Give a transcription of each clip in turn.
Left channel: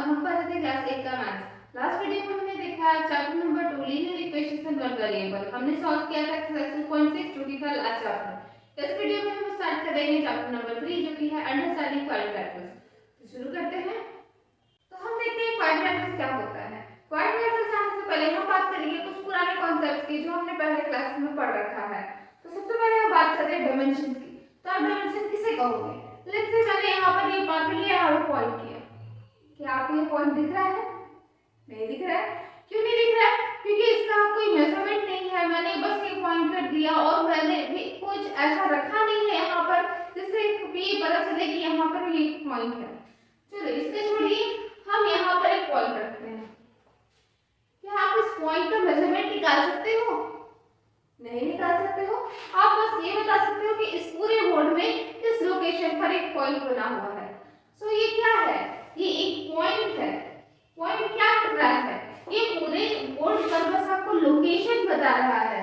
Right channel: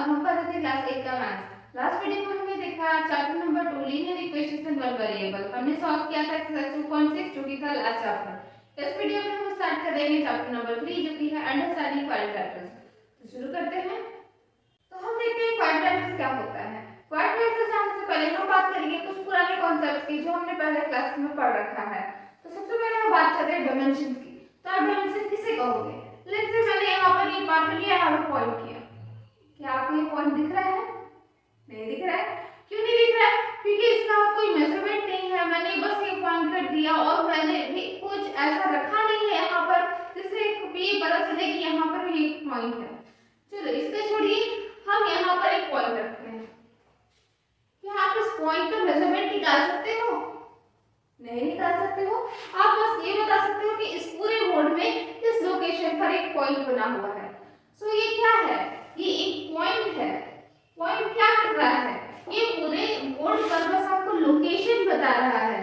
अब हम कर रहे थे क्लास 8 का मैथ्स। लास्ट वीडियो में हमने देखा chapter number 2 linear equations and one variable. हमने सॉल्व किया था एक्सरसाइज 2.6 जो कि था लास्ट चैप्टर। इस वीडियो में हम स्टार्ट करेंगे चैप्टर नंबर 3 जो कि है अंडरस्टैंडिंग क्वाड्रेटिक्स। तो शुरू करते हैं। तो हम देखते हैं क्वाड्रेटिक्स क्या होता है। क्वाड्रेटिक्स जानने से पहले हम बात करेंगे कुछ पुराने कॉन्सेप्ट्स की जो हमने पहले क्लास में पढ़ रखा है। तो सबसे पहले हम बात करते हैं डायमेंशन की। तो आप डायमेंशन किसे कहोगे? लेट्स से मैंने यहाँ पर ये मार्कर लिया, यहाँ पर पॉइंट किया। क्या आपको ये पॉइंट दिख रहा है? नहीं दिख रहा है। क्यों नहीं दिख रहा है? क्योंकि इसका कोई मेजरमेंट नहीं है। मैंने बस ये पॉइंट कर दिया और मैंने भी कुछ ऐसा रखा नहीं है यहाँ पर जिससे ये पता चले कि यहाँ पर ये पॉइंट है। चलो इसको छोड़िए, हम यहाँ पर एक पॉइंट रखते हैं। क्या आप इस पॉइंट का मेजरमेंट निकाल सकते हो? नहीं निकाल सकते हो। आप बस ये बता सकते हो कि इस पूरे बोर्ड में इस लोकेशन पर एक पॉइंट बना हुआ है। सो ये क्या है? ये एक पॉइंट है। पॉइंट क्या कर रहा है? ये पूरे बोर्ड पर बस आपको लोकेशन बता रहा है।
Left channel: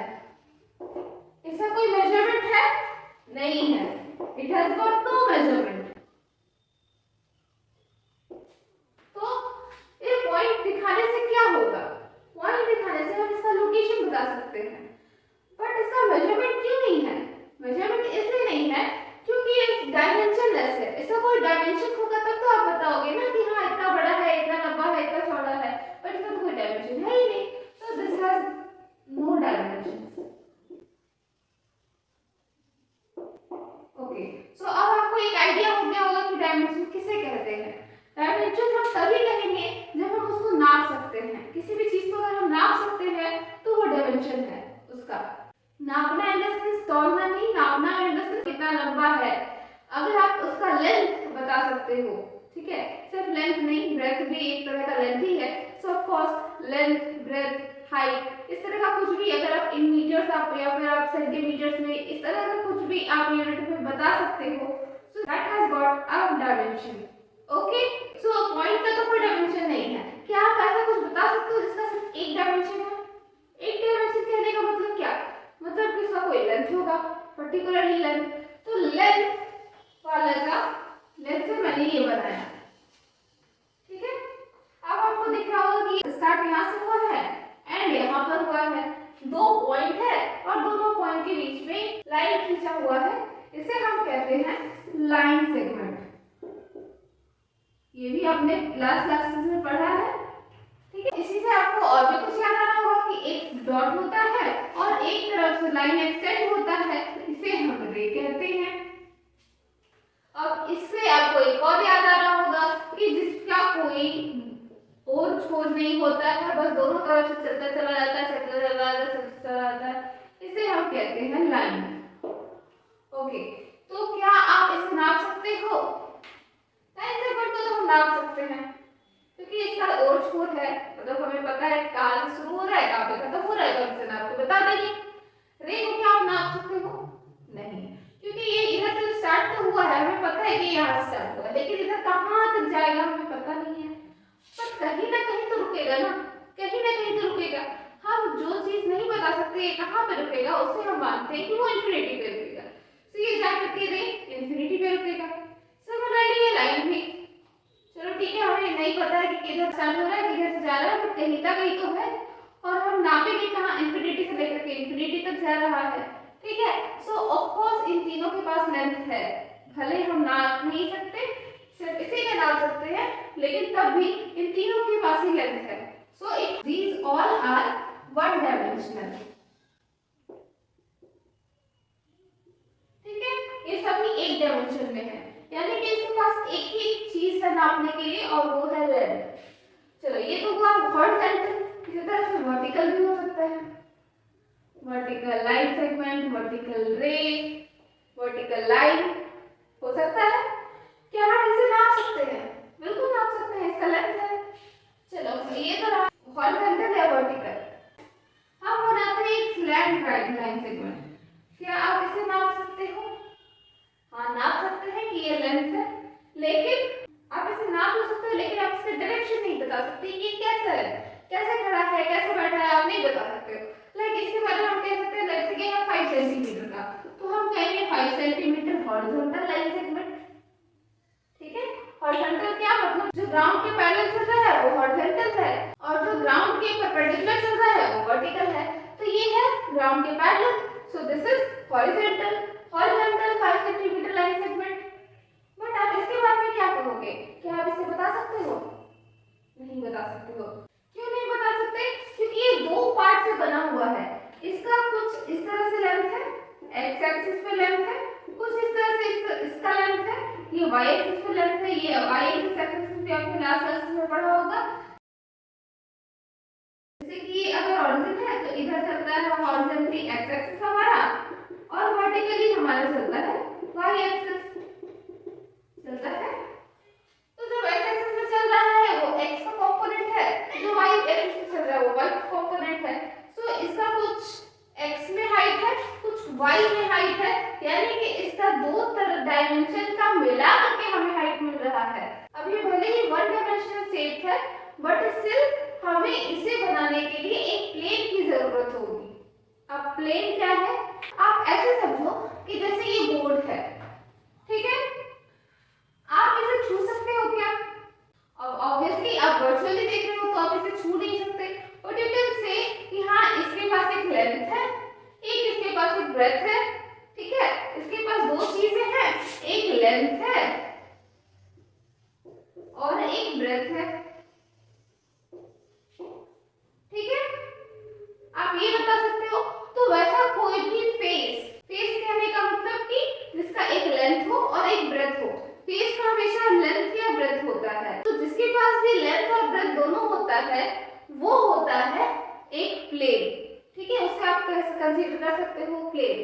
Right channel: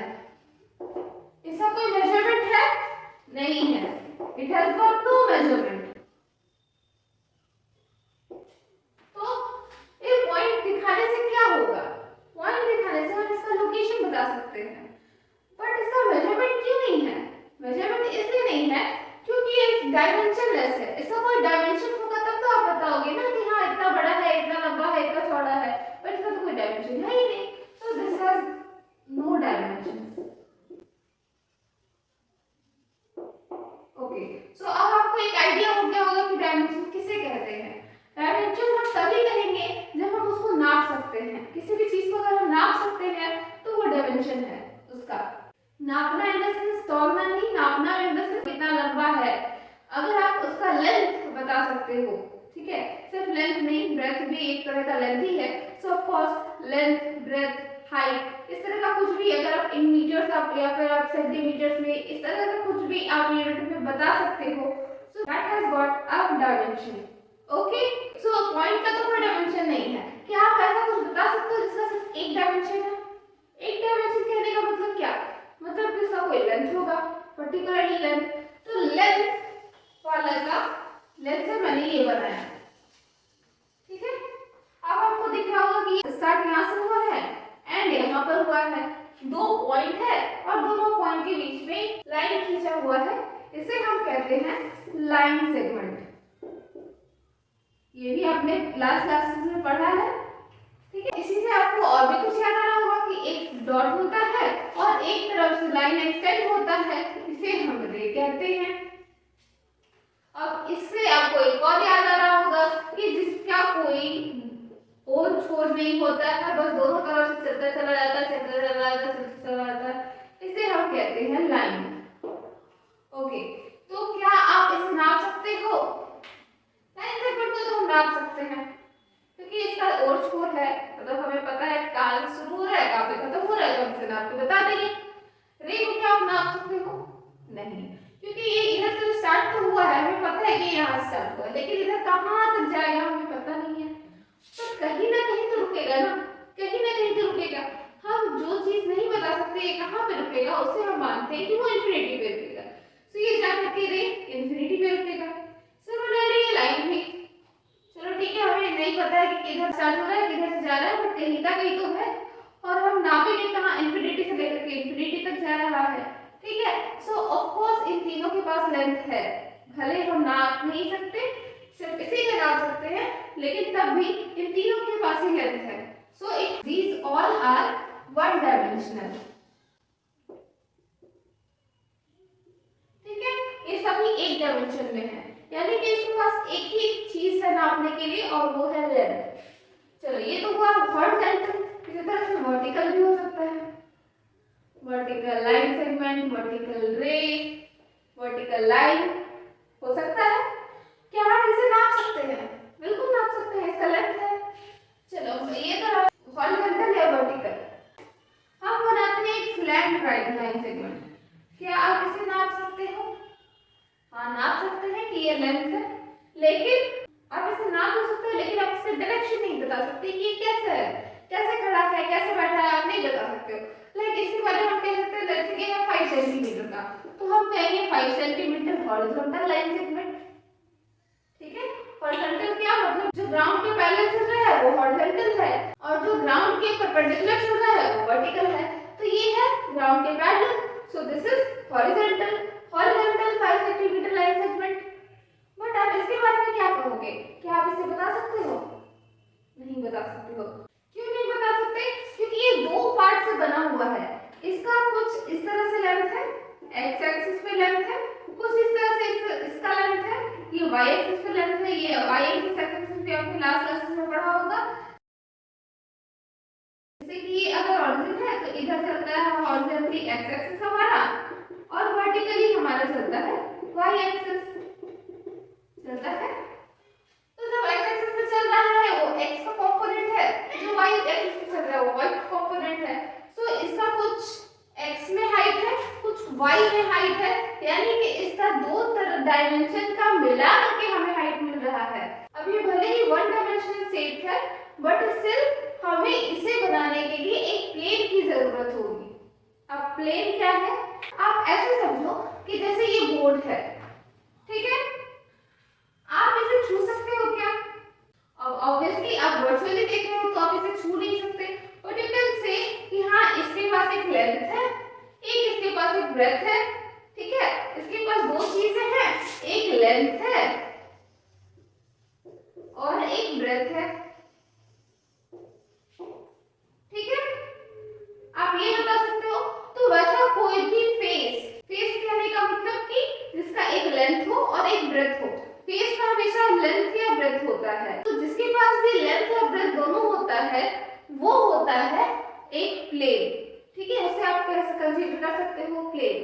इसका कोई मेजरमेंट है? नहीं है। It has got no measurement. तो ये पॉइंट दिखाने से क्या होगा? पॉइंट दिखाने से हम इसका लोकेशन बता सकते हैं, बट इसका मेजरमेंट क्यों नहीं है? मेजरमेंट इसलिए नहीं है क्योंकि ये डायमेंशनलेस है। इसका कोई डायमेंशन होगा तब तो आप बताओगे ना कि हाँ इतना बड़ा है, इतना लंबा है, इतना चौड़ा है, बट इसका तो कोई डायमेंशन है ही नहीं। तो this has no dimension. Okay, so अब आपको एक आइडिया हो गया होगा कि डायमेंशन किसे कहते हैं। डायमेंशन हम तभी कहेंगे जब हम उसको नाप सकते हैं। किसी भी चीज को अगर हम नाप सकते हैं तो वो डायमेंशन है उसका। नापना इन द सेंस तौलना नहीं, नापना इन द सेंस कितना लंबा है। अगर आप उसका लेंथ बता सकते हो, ठीक है, सिर्फ लेंथ नहीं, ब्रेथ भी एक तरह का लेंथ ही है। So of course length, breadth, height, इस तरह का कुछ भी अगर आप इन मीटर्स आप या फिर आप सेंटीमीटर्स में इस तरह का कुछ भी आप यूनिट में बता सकते हो, so that has got a dimension. Okay, so point का तो कोई डायमेंशन नहीं है। क्या आप ऐसा कुछ बता सकते हो जिसका सिर्फ एक डायमेंशन है? एक डायमेंशन कहने का मतलब क्या? मतलब कि इसका कोई लेंथ होगा, पर्टिकुलरली लेंथ। तो लेंथ वाला का लेंथ से मैंने ये बनाया, ठीक है। अब आपको दिख रहा होगा कि स्टार्ट यहाँ से हुआ है एंड यहाँ पर हुआ है। दो पॉइंट है और दोनों पॉइंट के बीच में लाइन खींचा हुआ है। इसे हम कहते हैं लाइन सेगमेंट। ये भी आपने क्लासेस में पढ़ा है, ठीक है। इसी से आपको और भी कुछ याद आ रहा होगा कि एक डॉट होता है और एक तरफ से लाइन एक्सटेंड होता है, इसे हम रे कहते हैं। अब इससे आपको एक और याद आ रहा होगा कि जिसका कोई और छोर नहीं होता है, बस दोनों तरफ से चलता चला जाता है, चलता चला जाता है, चलता चला जाता है, इसे हम कहते हैं लाइन। ओके, तो क्या आप इसे नाप सकते हो? लाइन सेगमेंट को तो हम नाप सकते हैं क्योंकि इसका और छोर है, मतलब हमें पता है कहां से शुरू हो रहा है, कहां पे खत्म हो रहा है, तो हम इसे नाप के बता देंगे। रे को क्या आप नाप सकते हो? नहीं, क्योंकि ये इधर से स्टार्ट तो हुआ है, हमें पता है कि यहाँ स्टार्ट हुआ है, लेकिन इधर कहाँ तक जाएगा हमें पता नहीं है। पर कहीं ना कहीं तो रुकेगा ना, कहीं ना कहीं तो रुकेगा। हम जो चीज नहीं बता सकते कहाँ पे रुकेगा, उससे हम मानते हैं कि वो इंफिनिटी पे रुकेगा। तो ये जा करके रे इंफिनिटी पे रुकेगा। सिमिलरली ये लाइन भी, चलो ठीक है, हमें नहीं पता है कि किधर स्टार्ट हो रहा है, किधर से जा रहा है, बट कहीं ना कहीं तो है और हम नापेंगे कहाँ, इंफिनिटी से लेकर के इंफिनिटी तक जा रहा है, ठीक है। सो ऑफ कोर्स इन तीनों के पास लेंथ है, भले हम नाप नहीं सकते, सिर्फ इसी का नाप सकते हैं, लेकिन तब भी इन तीनों के पास ही लेंथ है। So it these all are one dimensional, ठीक है, ये सभी एक डायमेंशन में है, यानी कि इसके पास एक ही चीज है नापने के लिए और वो है लेंथ। चलो ये तो हुआ हॉरिजॉन्टल, इसी तरह से वर्टिकल भी हो सकता है। वर्टिकल लाइन सेगमेंट, वर्टिकल रे, वर्टिकल लाइन हो सकता है। क्या हम इसे नाप सकते हैं? बिल्कुल नाप सकते हैं, इसका लेंथ है। चलो ये तो हॉरिजॉन्टल या वर्टिकल। हम बनाते हैं एक फ्लैट राइट लाइन सेगमेंट। क्या आप इसे नाप सकते हो? हाँ नाप सकते हैं कि ये लेंथ है, लेकिन आप इसे नाप तो सकते हो, लेकिन आप इसका डायरेक्शन नहीं बता सकते कि ये कैसा है, कैसे खड़ा है, कैसे बैठा है, आप नहीं बता सकते हो। लाइक इसके बारे में हम कह सकते हैं जैसे कि 5 सेंटीमीटर का, तो हम कहेंगे 5 सेंटीमीटर हॉरिजॉन्टल लाइन सेगमेंट, ठीक है। हॉरिजॉन्टल क्या मतलब जो ग्राउंड के पैरेलल चल रहा है वो हॉरिजॉन्टल है और जो ग्राउंड के परपेंडिकुलर चल रहा है वो वर्टिकल है। तो ये है ग्राउंड के parallel, so this is horizontal. Horizontal 5 centimetre line segment. But आप इसके बारे में क्या कहोगे? क्या आप इसे बता सकते हो? नहीं बता सकते हो। क्यों नहीं बता सकते? क्योंकि ये दो पार्ट से बना हुआ है। इसका कुछ इस तरह से लेंथ है, एक्स एक्सिस पे लेंथ है, कुछ इस तरह से इसका लेंथ है, ये वाई एक्सिस पे लेंथ है, ये वाई एक्सिस पे आपने लास्ट क्लास में पढ़ा होगा। जैसे कि अगर ऑरिजिन है तो इधर चलता है हॉरिजॉन्टली एक्स एक्सिस हमारा और वर्टिकली हमारा चलता है वाई एक्सिस चलता है। तो जब एक्स एक्सिस पे चल रहा है वो एक्स का कंपोनेंट है, जो वाई एक्सिस पे चल रहा है वो वाई का कंपोनेंट है। तो इसका कुछ एक्स में हाइट है, कुछ वाई में हाइट है, यानी कि इसका दो डायमेंशन का मिला करके हमें हाइट मिल रहा है। अब ये भले ही वन डायमेंशनल शेप है बट स्टिल हमें इसे बनाने के लिए एक प्लेन की जरूरत होगी। अब प्लेन क्या है? आप ऐसे समझो कि जैसे ये बोर्ड है, ठीक है, आप इसे छू सकते हो क्या? अब ऑब्वियसली आप वर्चुअली देख रहे हो तो आप इसे छू नहीं सकते, बट यू कैन से कि हाँ इसके पास एक लेंथ है, एक इसके पास एक ब्रेथ है, ठीक है, इसके पास दो चीजें हैं, एक लेंथ है और एक ब्रेथ है, ठीक है। आप ये बता सकते हो। तो वैसा कोई भी फेस कहने का मतलब कि जिसका एक लेंथ हो और एक ब्रेथ हो। फेस का हमेशा लेंथ या ब्रेथ होता है। तो जिसके पास भी लेंथ और ब्रेथ दोनों होता है वो होता है एक प्लेन, ठीक है, उसे आप कंसीडर कर सकते हो प्लेन।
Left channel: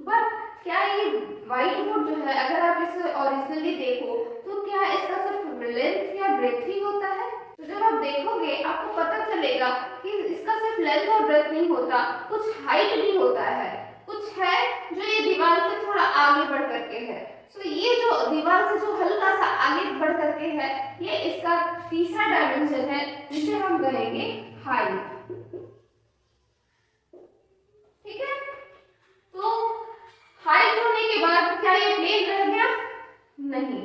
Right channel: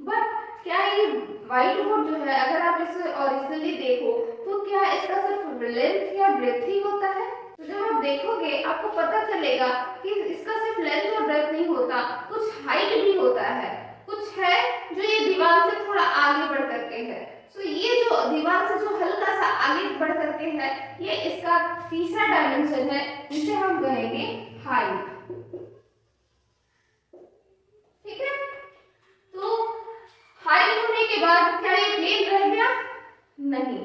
बट क्या ये व्हाइट बोर्ड जो है अगर आप इसे ओरिजिनली देखो तो क्या इसका सिर्फ लेंथ या ब्रेथ ही होता है? तो जब आप देखोगे आपको पता चलेगा कि इसका सिर्फ लेंथ और ब्रेथ नहीं होता, कुछ हाइट भी होता है, कुछ है जो ये दीवार से थोड़ा आगे बढ़ करके है। तो ये जो दीवार से जो हल्का सा आगे बढ़ करके है ये इसका तीसरा डायमेंशन है जिसे हम कहेंगे हाइट, ठीक है। तो हाइट होने के बाद क्या ये प्लेन रह गया? नहीं,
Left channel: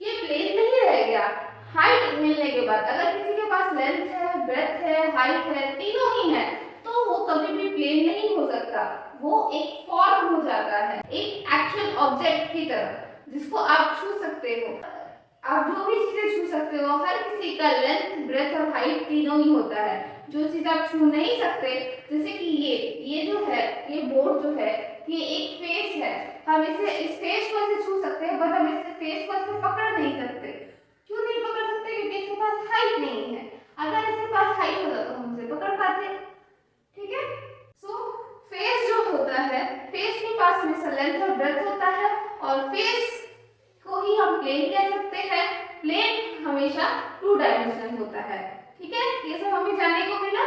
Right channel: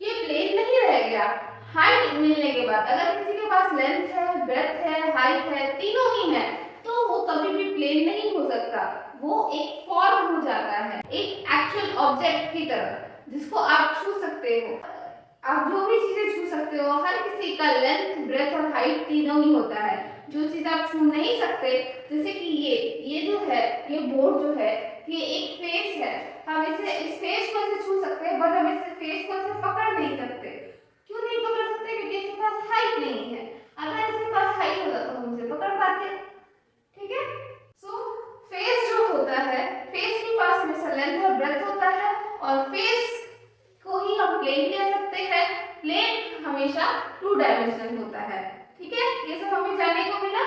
ये प्लेन नहीं रह गया। हाइट मिलने के बाद अगर किसी के पास लेंथ है, ब्रेथ है, हाइट है, तीनों ही है, तो वो कभी भी प्लेन नहीं हो सकता, वो एक फॉर्म हो जाता है, एक एक्चुअल ऑब्जेक्ट की तरह जिसको आप छू सकते हो। आप जो भी चीजें छू सकते हो, हर किसी का लेंथ, ब्रेथ और हाइट तीनों ही होता है। जो चीज आप छू नहीं सकते, जैसे कि ये जो है, ये बोर्ड जो है, ये एक फेस है, हम इस फेस को ऐसे छू सकते हैं बट हम इस फेस को ऐसे पकड़ नहीं सकते। क्यों नहीं पकड़ सकते? क्योंकि इसके पास हाइट नहीं है। अगर इसके पास हाइट होता तो हम उसे पकड़ पाते, ठीक है। सो फेस जो होता है, फेस के पास हमेशा लेंथ और ब्रेथ होता है और फेस को ही हम प्लेन कह सकते हैं। प्लेन हमेशा टू डायमेंशनल होता है, ठीक है। ये सब हमें जानने को मिला।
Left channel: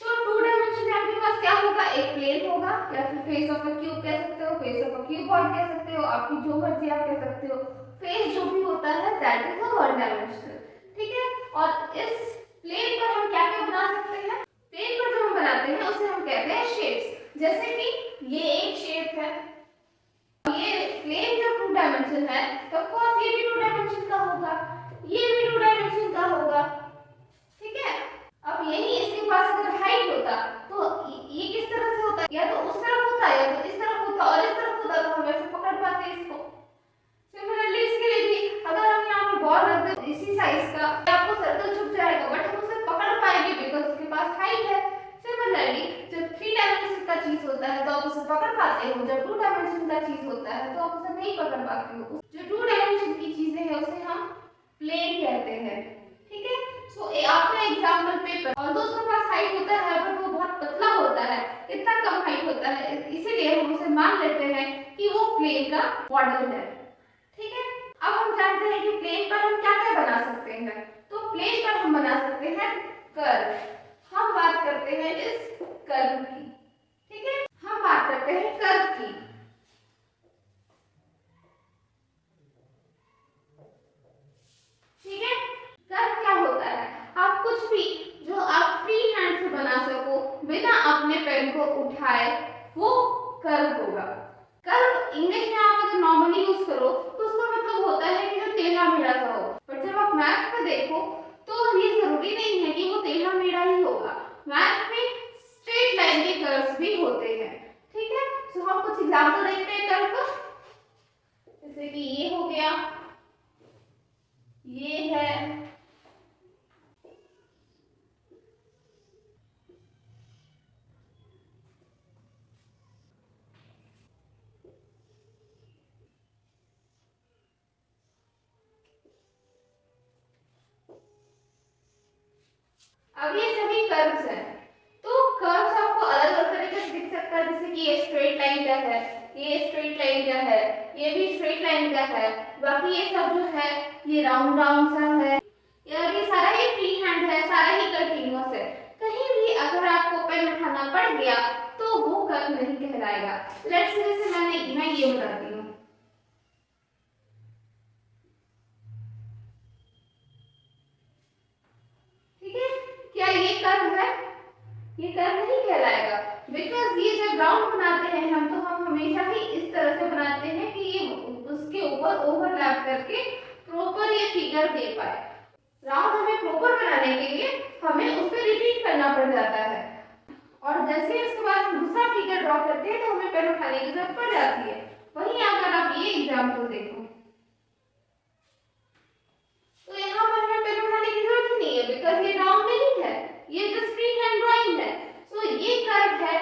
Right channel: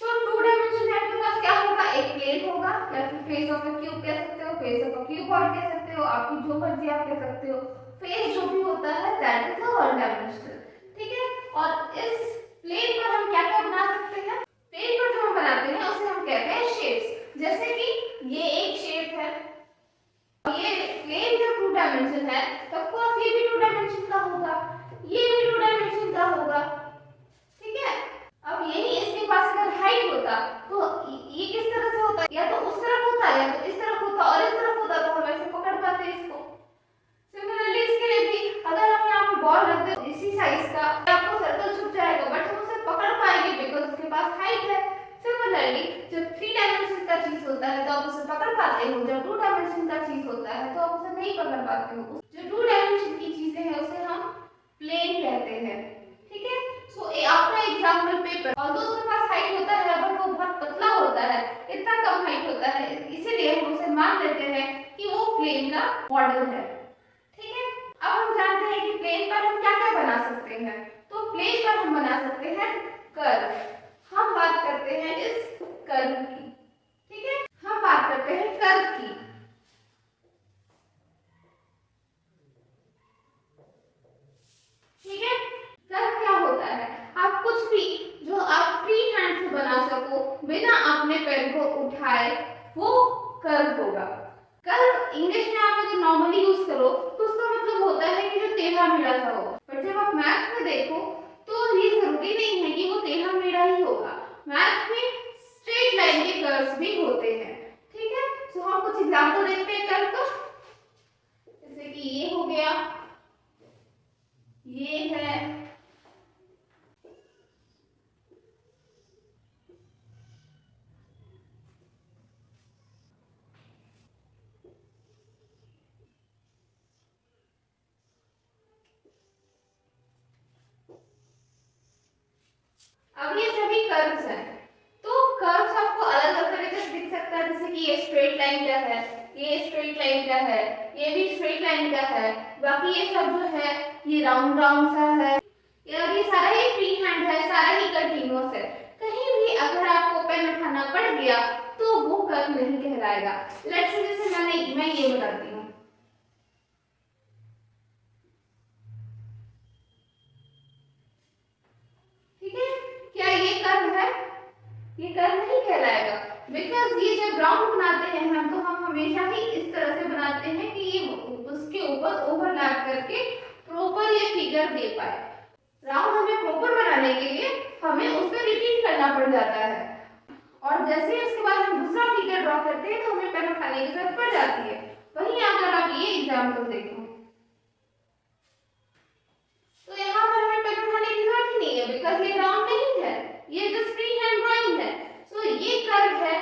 तो टू डायमेंशन आपके पास क्या होगा? एक प्लेन होगा या फिर फेस ऑफ अ क्यूब कह सकते हो, फेस ऑफ अ क्यूबॉइड कह सकते हो, आपकी जो मर्जी आप कह सकते हो। फेस जो भी होता है दैट इज वन डायमेंशनल, ठीक है। और इस प्लेन पर हम क्या क्या बना सकते हैं? प्लेन पर जो हम बनाते हैं उसे हम कहते हैं शेप्स। जैसे कि ये एक शेप है, ये प्लेन जो टू डायमेंशन है तो ऑफ कोर्स ये भी टू डायमेंशन का होगा, ये भी टू डायमेंशन का होगा, ठीक है। अब यही इसके पास अगर हाइट होता तो ये किस तरह से होता? या तो उस तरफ होता या तो इस तरफ होता, और इस तरफ होता तो हम ऐसे पकड़ पाते इसको। सिमिलरली इसके लिए भी अगर हम यहाँ पे बॉल रख दे इसी साइज का, आपको सर्कल छुप जाएगा बट हम उसे पकड़ पाएंगे बिकॉज़ उसके पास हाइट है। सिमिलरली जब 3 डायमेंशन का चीज होता है तो आप उसे पकड़ पाते हो, जब 2 डायमेंशन का चीज होता है तो आप उसे नहीं पकड़ पाते हो। जो 2 डायमेंशन की चीजें हैं उसे हम प्लेन कहते हैं, ठीक है। सो आपका एग्जांपल पेपर, ऑल्दो उसके पास हाइट होता है बट वो बहुत पतला होता है, इतना कम हाइट होता है, इसीलिए हम उसे मान लेते हैं कि वो प्लेन का मॉडल है, ठीक है। अब हम जानते हैं कि प्लेन पर हम क्या क्या बना सकते हैं। तो प्लेन पर हम बना सकते हैं कर्व। हम बात करते हैं इस कर्व की, ठीक है, हम बात करते हैं कर्व की। ठीक है, कर्व क्या होता है? आप कुछ भी जो आप फ्री हैंड से बना सको बिना अपने पेन को उठाए वो कर्व होगा। कर्व इंग्लिश में आप अगर नॉर्मली यूज करो तो उसका मतलब होता है कि जो टेढ़ा मेढ़ा सा मैथ में देखो तो ये जरूरी नहीं है कि वो टेढ़ा मेढ़ा ही होगा, मैथ में स्ट्रेट लाइन के कर्व्स भी होते हैं। ठीक है, तो हम कुछ एग्जांपल देखते हैं कर्व का, जैसे कि ये हो गया, ये है, अब ये सभी कर्व्स हैं। तो कर्व्स आपको अलग अलग तरीके से दिख सकता है, जैसे कि ये स्ट्रेट लाइन का है, ये स्ट्रेट लाइन का है, ये भी स्ट्रेट लाइन का है, बाकी ये सब जो है ये राउंड राउंड सा है, यार ये सारा ही फ्री हैंड है, सारा ही कंटीन्यूअस है। कहीं भी अगर आपको पेन उठाना पड़ गया तो वो कर्व नहीं कहलाएगा। लेट्स से जैसे मैं ये बताती हूँ, ठीक है, क्या ये कर्व है? ये कर्व नहीं कहलाएगा, बिकॉज ये जब राउंड बनाते हैं हम, तो हम हमेशा ही इस तरह से बनाते हैं कि ये उसके ऊपर ओवरलैप करके प्रॉपर ये फिगर दे पाए। राउंड हमें प्रॉपर बनाने के लिए हमें उस पर रिपीट करना पड़ जाता है, और जैसे ही उसके बाद हम दूसरा फिगर ड्रॉ करते हैं तो हमें पेन उठाने की जरूरत पड़ जाती है। वहीं अगर आप ये एग्जाम्पल देखो तो यहाँ पर हमें पेन उठाने की जरूरत ही नहीं है, बिकॉज ये राउंड नहीं है, ये जस्ट फ्री हैंड ड्राइंग है। सो ये कर्व है,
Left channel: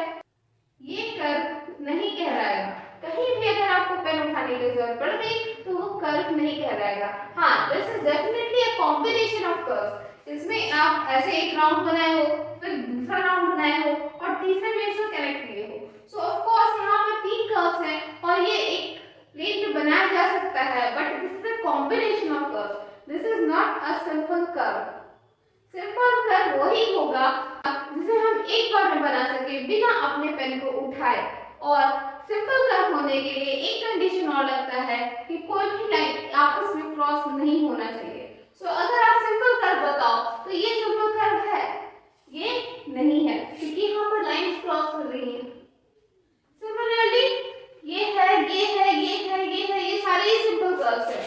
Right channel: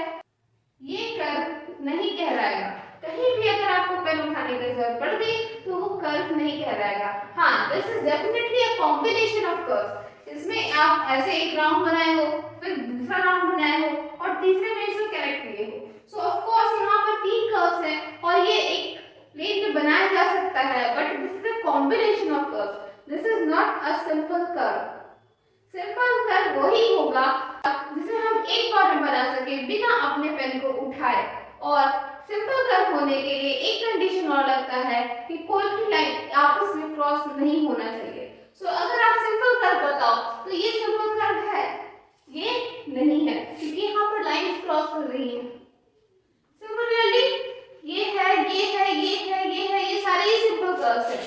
ये कर्व नहीं कहलाएगा। कहीं भी अगर आपको पेन उठाने की जरूरत पड़ गई तो वो कर्व नहीं कहलाएगा। हाँ, this is definitely a combination of curves. इसमें आप ऐसे एक राउंड बनाए हो, फिर दूसरा राउंड बनाए हो और तीसरे में इसको कनेक्ट किए हो। सो ऑफ कोर्स यहाँ पर तीन कर्व्स हैं और ये एक प्लेन में बनाया जा सकता है, but this is a combination of curves, this is not a simple curve. Simple curve वही होगा जिसे हम एक बार में बना सके बिना अपने पेन को उठाए, और सिंपल कर्व होने के लिए एक कंडीशन और लगता है कि कोई भी लाइन आपस में क्रॉस नहीं होना चाहिए। सो अगर आप सिंपल कर्व बताओ तो ये सिंपल कर्व है, ये नहीं है, क्योंकि यहाँ पर लाइन क्रॉस कर रही है। सिमिलरली ये है, ये है, ये है, ये है, ये सारे ही सिंपल कर्व्स हैं।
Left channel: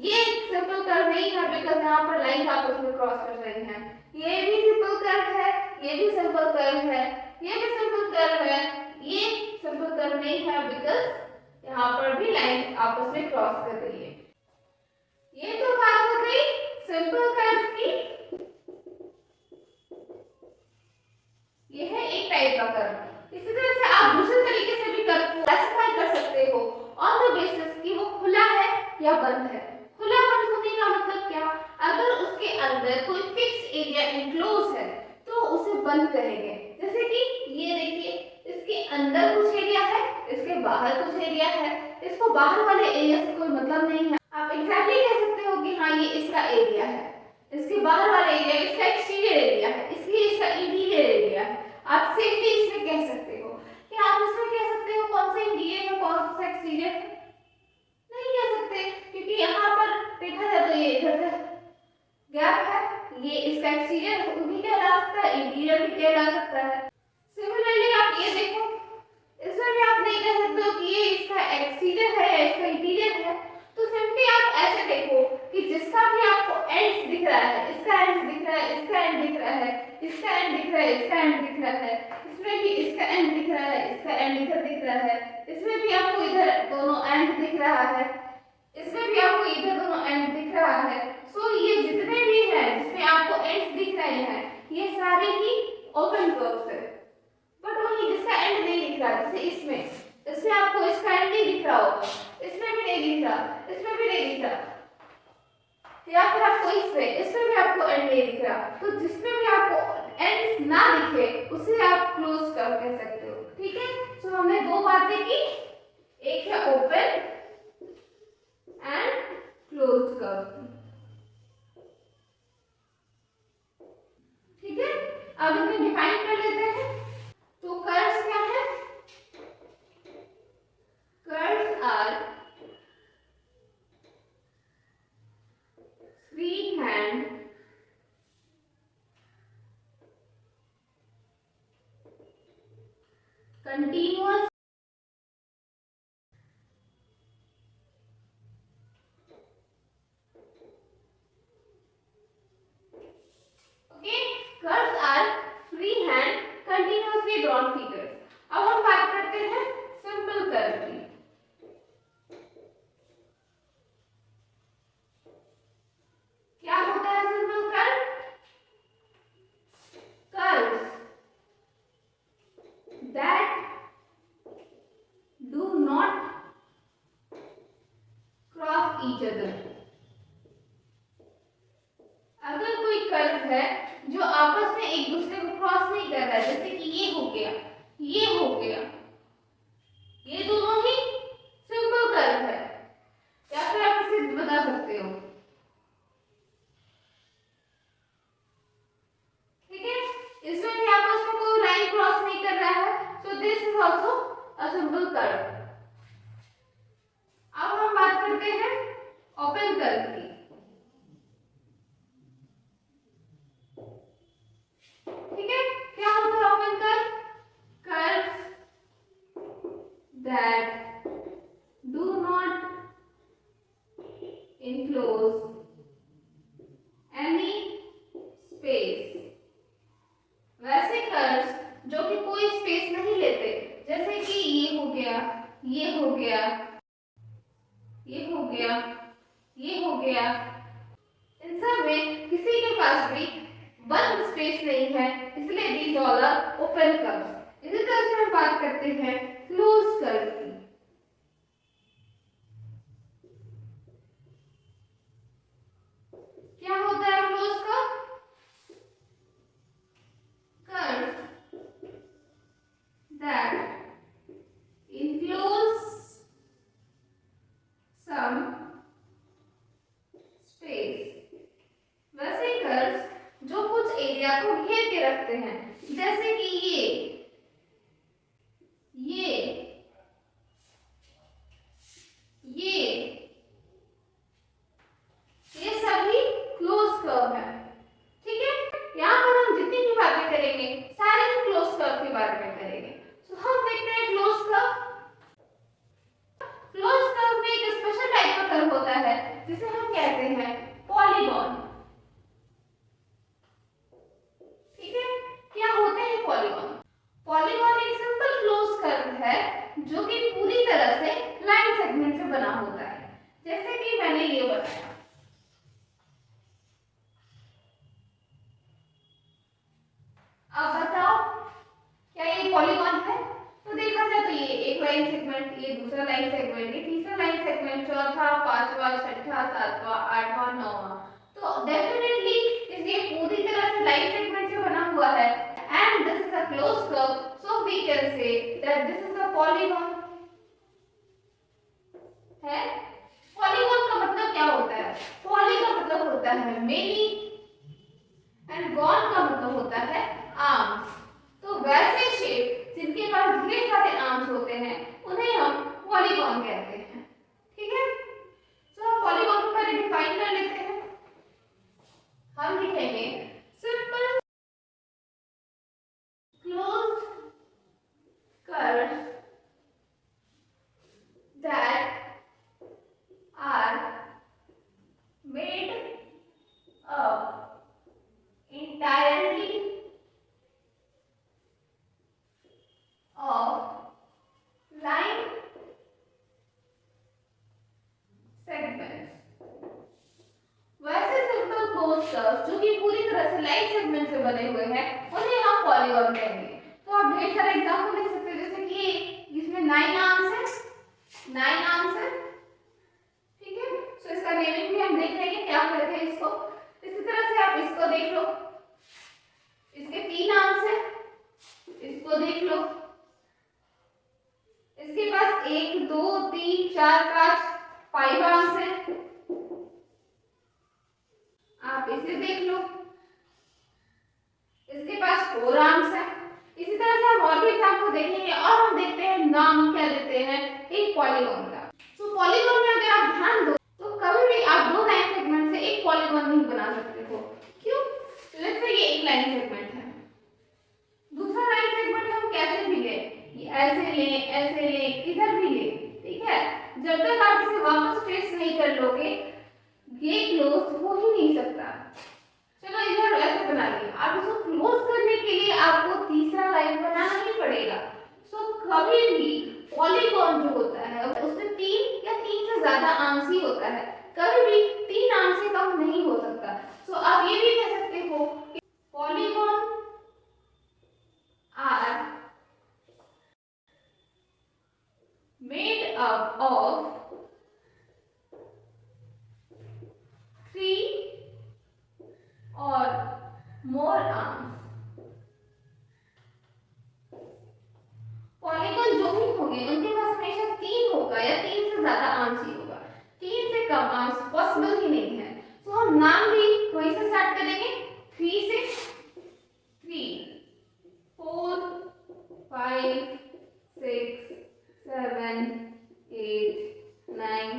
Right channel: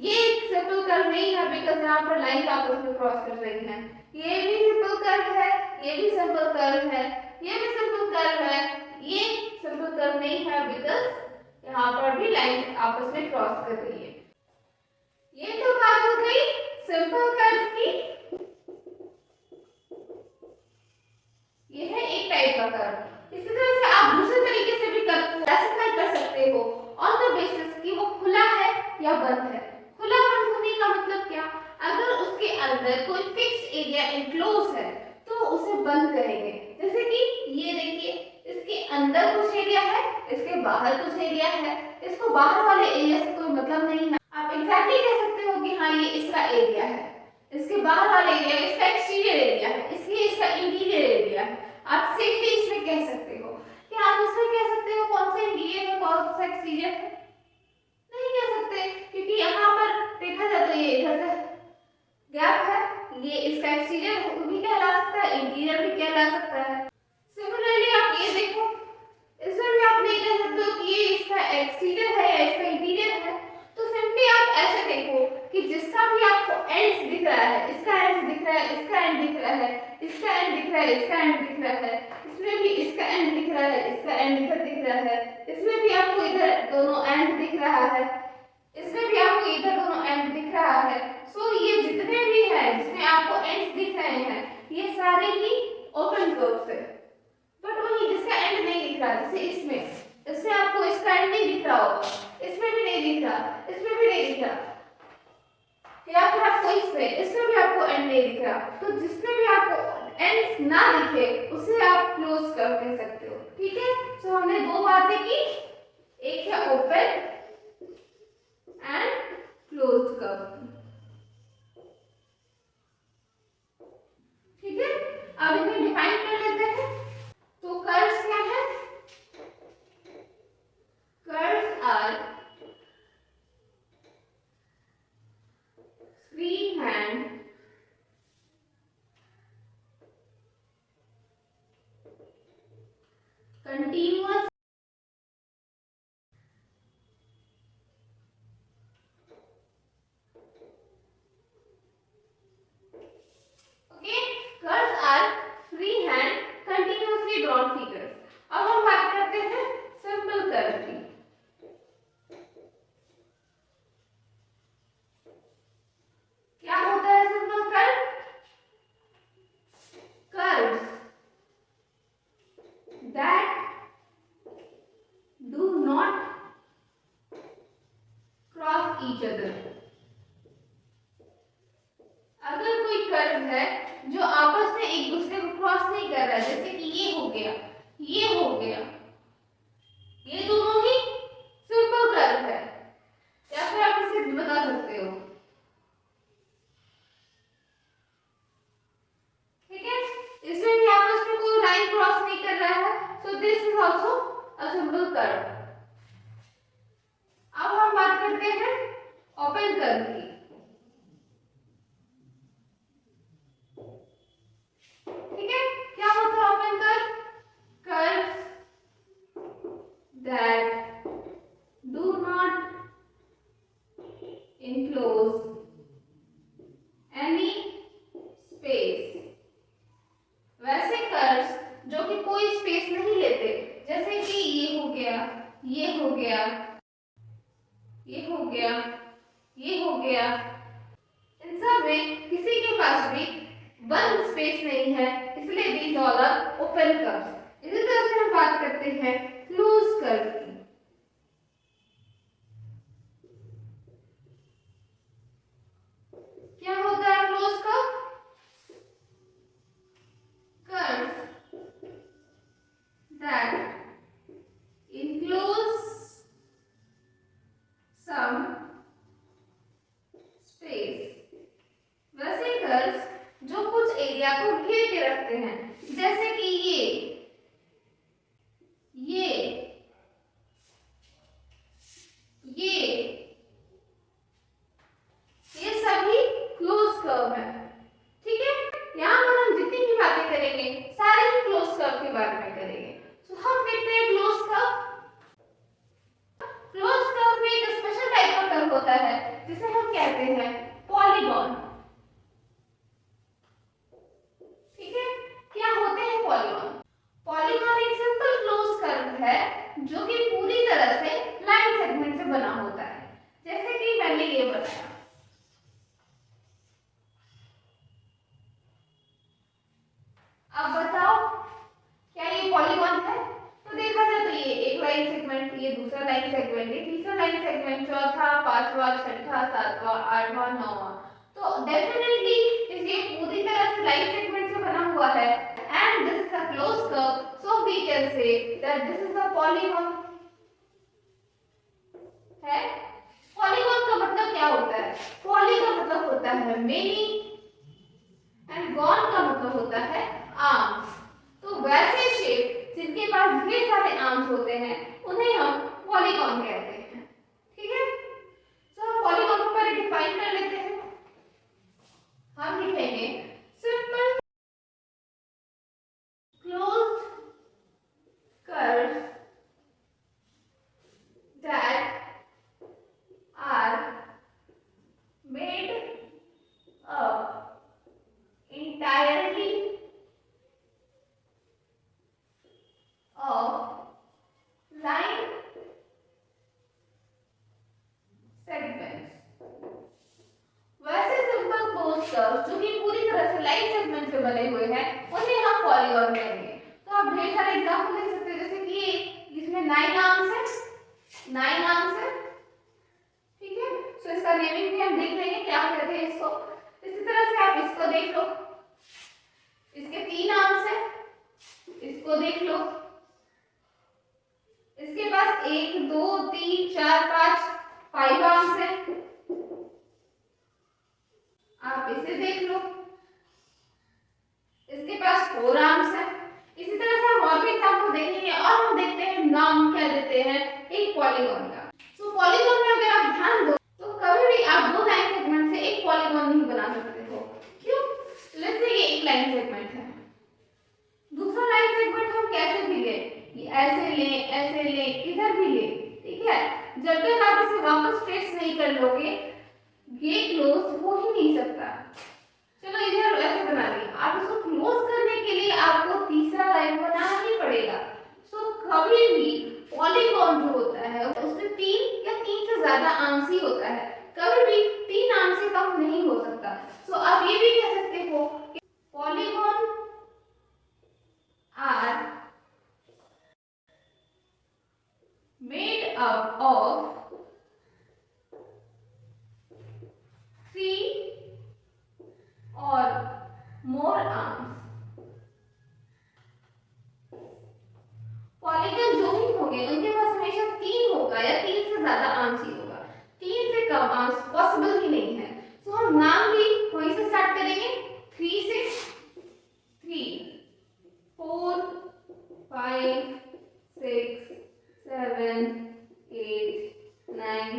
ये सिंपल कर्व नहीं है बिकॉज़ यहाँ पर लाइन आपस में क्रॉस कर रही हैं। ये भी सिंपल कर्व है, ये भी सिंपल कर्व है, ये भी सिंपल कर्व है, ये सिंपल कर्व नहीं है बिकॉज़ यहाँ पर भी लाइन आपस में क्रॉस कर रही है। ये तो बात हो गई सिंपल कर्व की। ये है एक टाइप का कर्व। इसी तरह से आप दूसरे तरीके से भी कर्व को क्लासिफाई कर सकते हो ऑन द बेसिस कि वो खुला है या बंद है। खुला बंद होने का मतलब क्या? अगर उसके अंदर कोई फिक्स एरिया एनक्लोज है तो उसे बंद करेंगे। जैसे कि ये देखिए, इसके अंदर कुछ एरिया है, इसके बाहर कुछ एरिया है, इसको बाहर वाले एरिया से कोई मतलब नहीं है। आप एग्जैक्टली कह सकते हो कि हाँ ये इसका एरिया है, इसके बाहर वाला एरिया इसका एक्सटीरियर एरिया है, इसलिए इसका इंटीरियर एरिया है। आप सेफली इसमें कह सकते हो। क्या आप इसमें कह सकते हो कौन सा इंटीरियर है कौन सा एक्सटीरियर है? नहीं कह सकते, क्योंकि यहाँ पर देखा जाए तो ये इधर से गैप है, ये इसका एक्सटीरियर भी कहला सकता है, इंटीरियर भी कहला सकता है। सिमिलरली आप ये देखो, इसमें भी आप नहीं कह सकते हो कि ये इसका एक्सटीरियर है या इसका इंटीरियर है। तो सिंपली आप ऐसे देखो कि जिसका भी आपको एंड दिख रहा है, इसका एंड दिख रहा है, इसका एंड दिख रहा है, इसका एंड दिख रहा है, इसका एंड दिख रहा है, इसमें भी इसका एंड दिख रहा है, इसका एंड इधर दिख रहा है, इसमें भी आपको इधर दोनों एंड दिख रहा है, इसमें भी आपको इधर दोनों एंड दिख रहा है। सो ये जितने भी हैं जिसमें आपको एंड दिख रहे हैं ये सारे ही ओपन कर्व्स है। बट वही जिसका एंड नहीं दिख रहा, जैसे इसमें आपको इसका एंड नहीं दिख रहा होगा, इसमें भी नहीं दिख रहा, इसमें भी नहीं दिख रहा, या फिर आपको इसमें भी आपको एंड नहीं दिख रहा। तो जिसमें भी आपको एंड ना दिखे उसे आप क्लोज कर्व कह सकते हो। ठीक है, तो हमने दो बातें की, एक है ओपन एंड क्लोज्ड कर्व। ठीक है, अब इन्हें डिफाइन कर लेते हैं। तो कर्व्स क्या है? Curves are free hand continuous each other. अगर कोई कर्व है जो आपस में एक दूसरे को क्रॉस नहीं कर रहा है, जैसे कि ये हो गया, ये हो गया, ये दोनों ही सिंपल कर्व है, या फिर आप इसे बता सकते हो, ठीक है। इसमें भी आपस में कोई लाइन क्रॉस नहीं कर रहा है, so this is also a simple curve. अब हम बात करते हैं ओपन कर्व की। ठीक है, क्या होता है open curve? Curves that do not enclose any space। वैसे कर्व्स जो कि कोई स्पेस नहीं लेते, जैसे कि ये हो गया, ये हो गया, ये हो गया, ये हो गया, इन सब में किसी के पास भी बंद स्पेस नहीं है, इसलिए these all are open curves. इसी तरह से हम बात करते हैं क्लोज कर्व की। क्या होता है close curve? Curve that enclose some space। वैसे कर्व्स जो कुछ एरिया को घेर के रखते हैं, जैसे कि ये ये सभी क्लोज कर्व है। ठीक है, यहाँ पर हम जितनी भी बातें करेंगे सारे ही क्लोज कर्व के बारे में करेंगे। तो हम देखते हैं क्लोज कर्व। क्लोज कर्व में एक स्पेशल टाइप का कर्व होता है जिसे हम कहते हैं पॉलीगॉन। ठीक है, क्या होते हैं पॉलीगॉन? पॉलीगॉन एक सिंपल क्लोज कर्व है जो कि पूरी तरह से लाइन सेगमेंट से बना होता है, जैसे कि मैंने ये बताया। अब बताओ क्या ये पॉलीगॉन है? तो देखा जाए तो ये एक लाइन सेगमेंट, ये दूसरा लाइन सेगमेंट, ये तीसरा लाइन सेगमेंट, चौथा, पांचवा, छठा, सातवां, आठवां, नौवां। तो डेफिनेटली ये पूरी तरह से लाइन सेगमेंट से बना हुआ है, and this is a close curve, so we can say that this is a polygon. है, पॉलीगॉन का मतलब क्या होता है? पॉली का मतलब होता है मेनी एंड गॉन का मतलब होता है आर्म्स। तो वैसे शेप जिनके पास ढेर सारे आर्म्स होते हैं उन्हें हम पॉलीगॉन कहते हैं। ठीक है, तो हम पॉलीगॉन को पहले डिफाइन कर लेते हैं। हम लिखेंगे simple closed curves that are made up entirely of line segments। वैसे सिंपल क्लोज कर्व्स जो कि पूरी तरह से लाइन सेगमेंट से बने हुए हैं उन्हें हम पॉलीगॉन कहेंगे। तो आप ढेर सारे एग्जांपल ले सकते हैं, जैसे कि इसमें 9 आर्म्स है, 9 आर्म्स है। ठीक है, तो इसका नेमिंग भी हम देख लेंगे क्या कहते हैं इसको। इसी तरह से आप इसको देख लो, इसके 3 आर्म्स है, इसको देख लो, इसके पास 1 2 3 4 5 आर्म्स है, आप इसे देख लो, इसके पास 4 आर्म्स है। इसी तरह से हम और भी एग्जांपल देखेंगे और हम देखते हैं नाम क्या देते हैं एक पॉलीगॉन का। तो पॉलीगॉन में अगर आप ध्यान दो तो कभी भी आप 2 लाइन सेगमेंट से एक पॉलीगॉन नहीं बना सकते हो। क्यों? लेट्स से ये एक लाइन सेगमेंट है, दूसरा लाइन सेगमेंट हम कैसे भी ले, ऐसे ले, इधर भी ले। ठीक है, जब तक आप इसे वापस ट्रेस नहीं कर लोगे ये क्लोज हो ही नहीं सकता। चलो इधर ऐसे बना लिया, आप इसको क्लोज करने के लिए आपको तीसरा लाइन बनाना ही पड़ेगा। सो कभी भी पॉलीगॉन जो होता है उसमें 3 या 3 से ज्यादा आर्म्स ही होता है, कभी भी 3 आर्म से कम नहीं हो सकता। सो आप ये भी कह सकते हो कि polygon are made up of more arms. Polygon जो भी होंगे उनके पास हमेशा 3 होगा या 3 से ज्यादा आर्म्स ही होगा, 3 से कम आर्म्स पॉसिबल ही नहीं है। तो हम नाम भी वहीं से स्टार्ट करेंगे, 3 से 3 4 5 6 7 8 9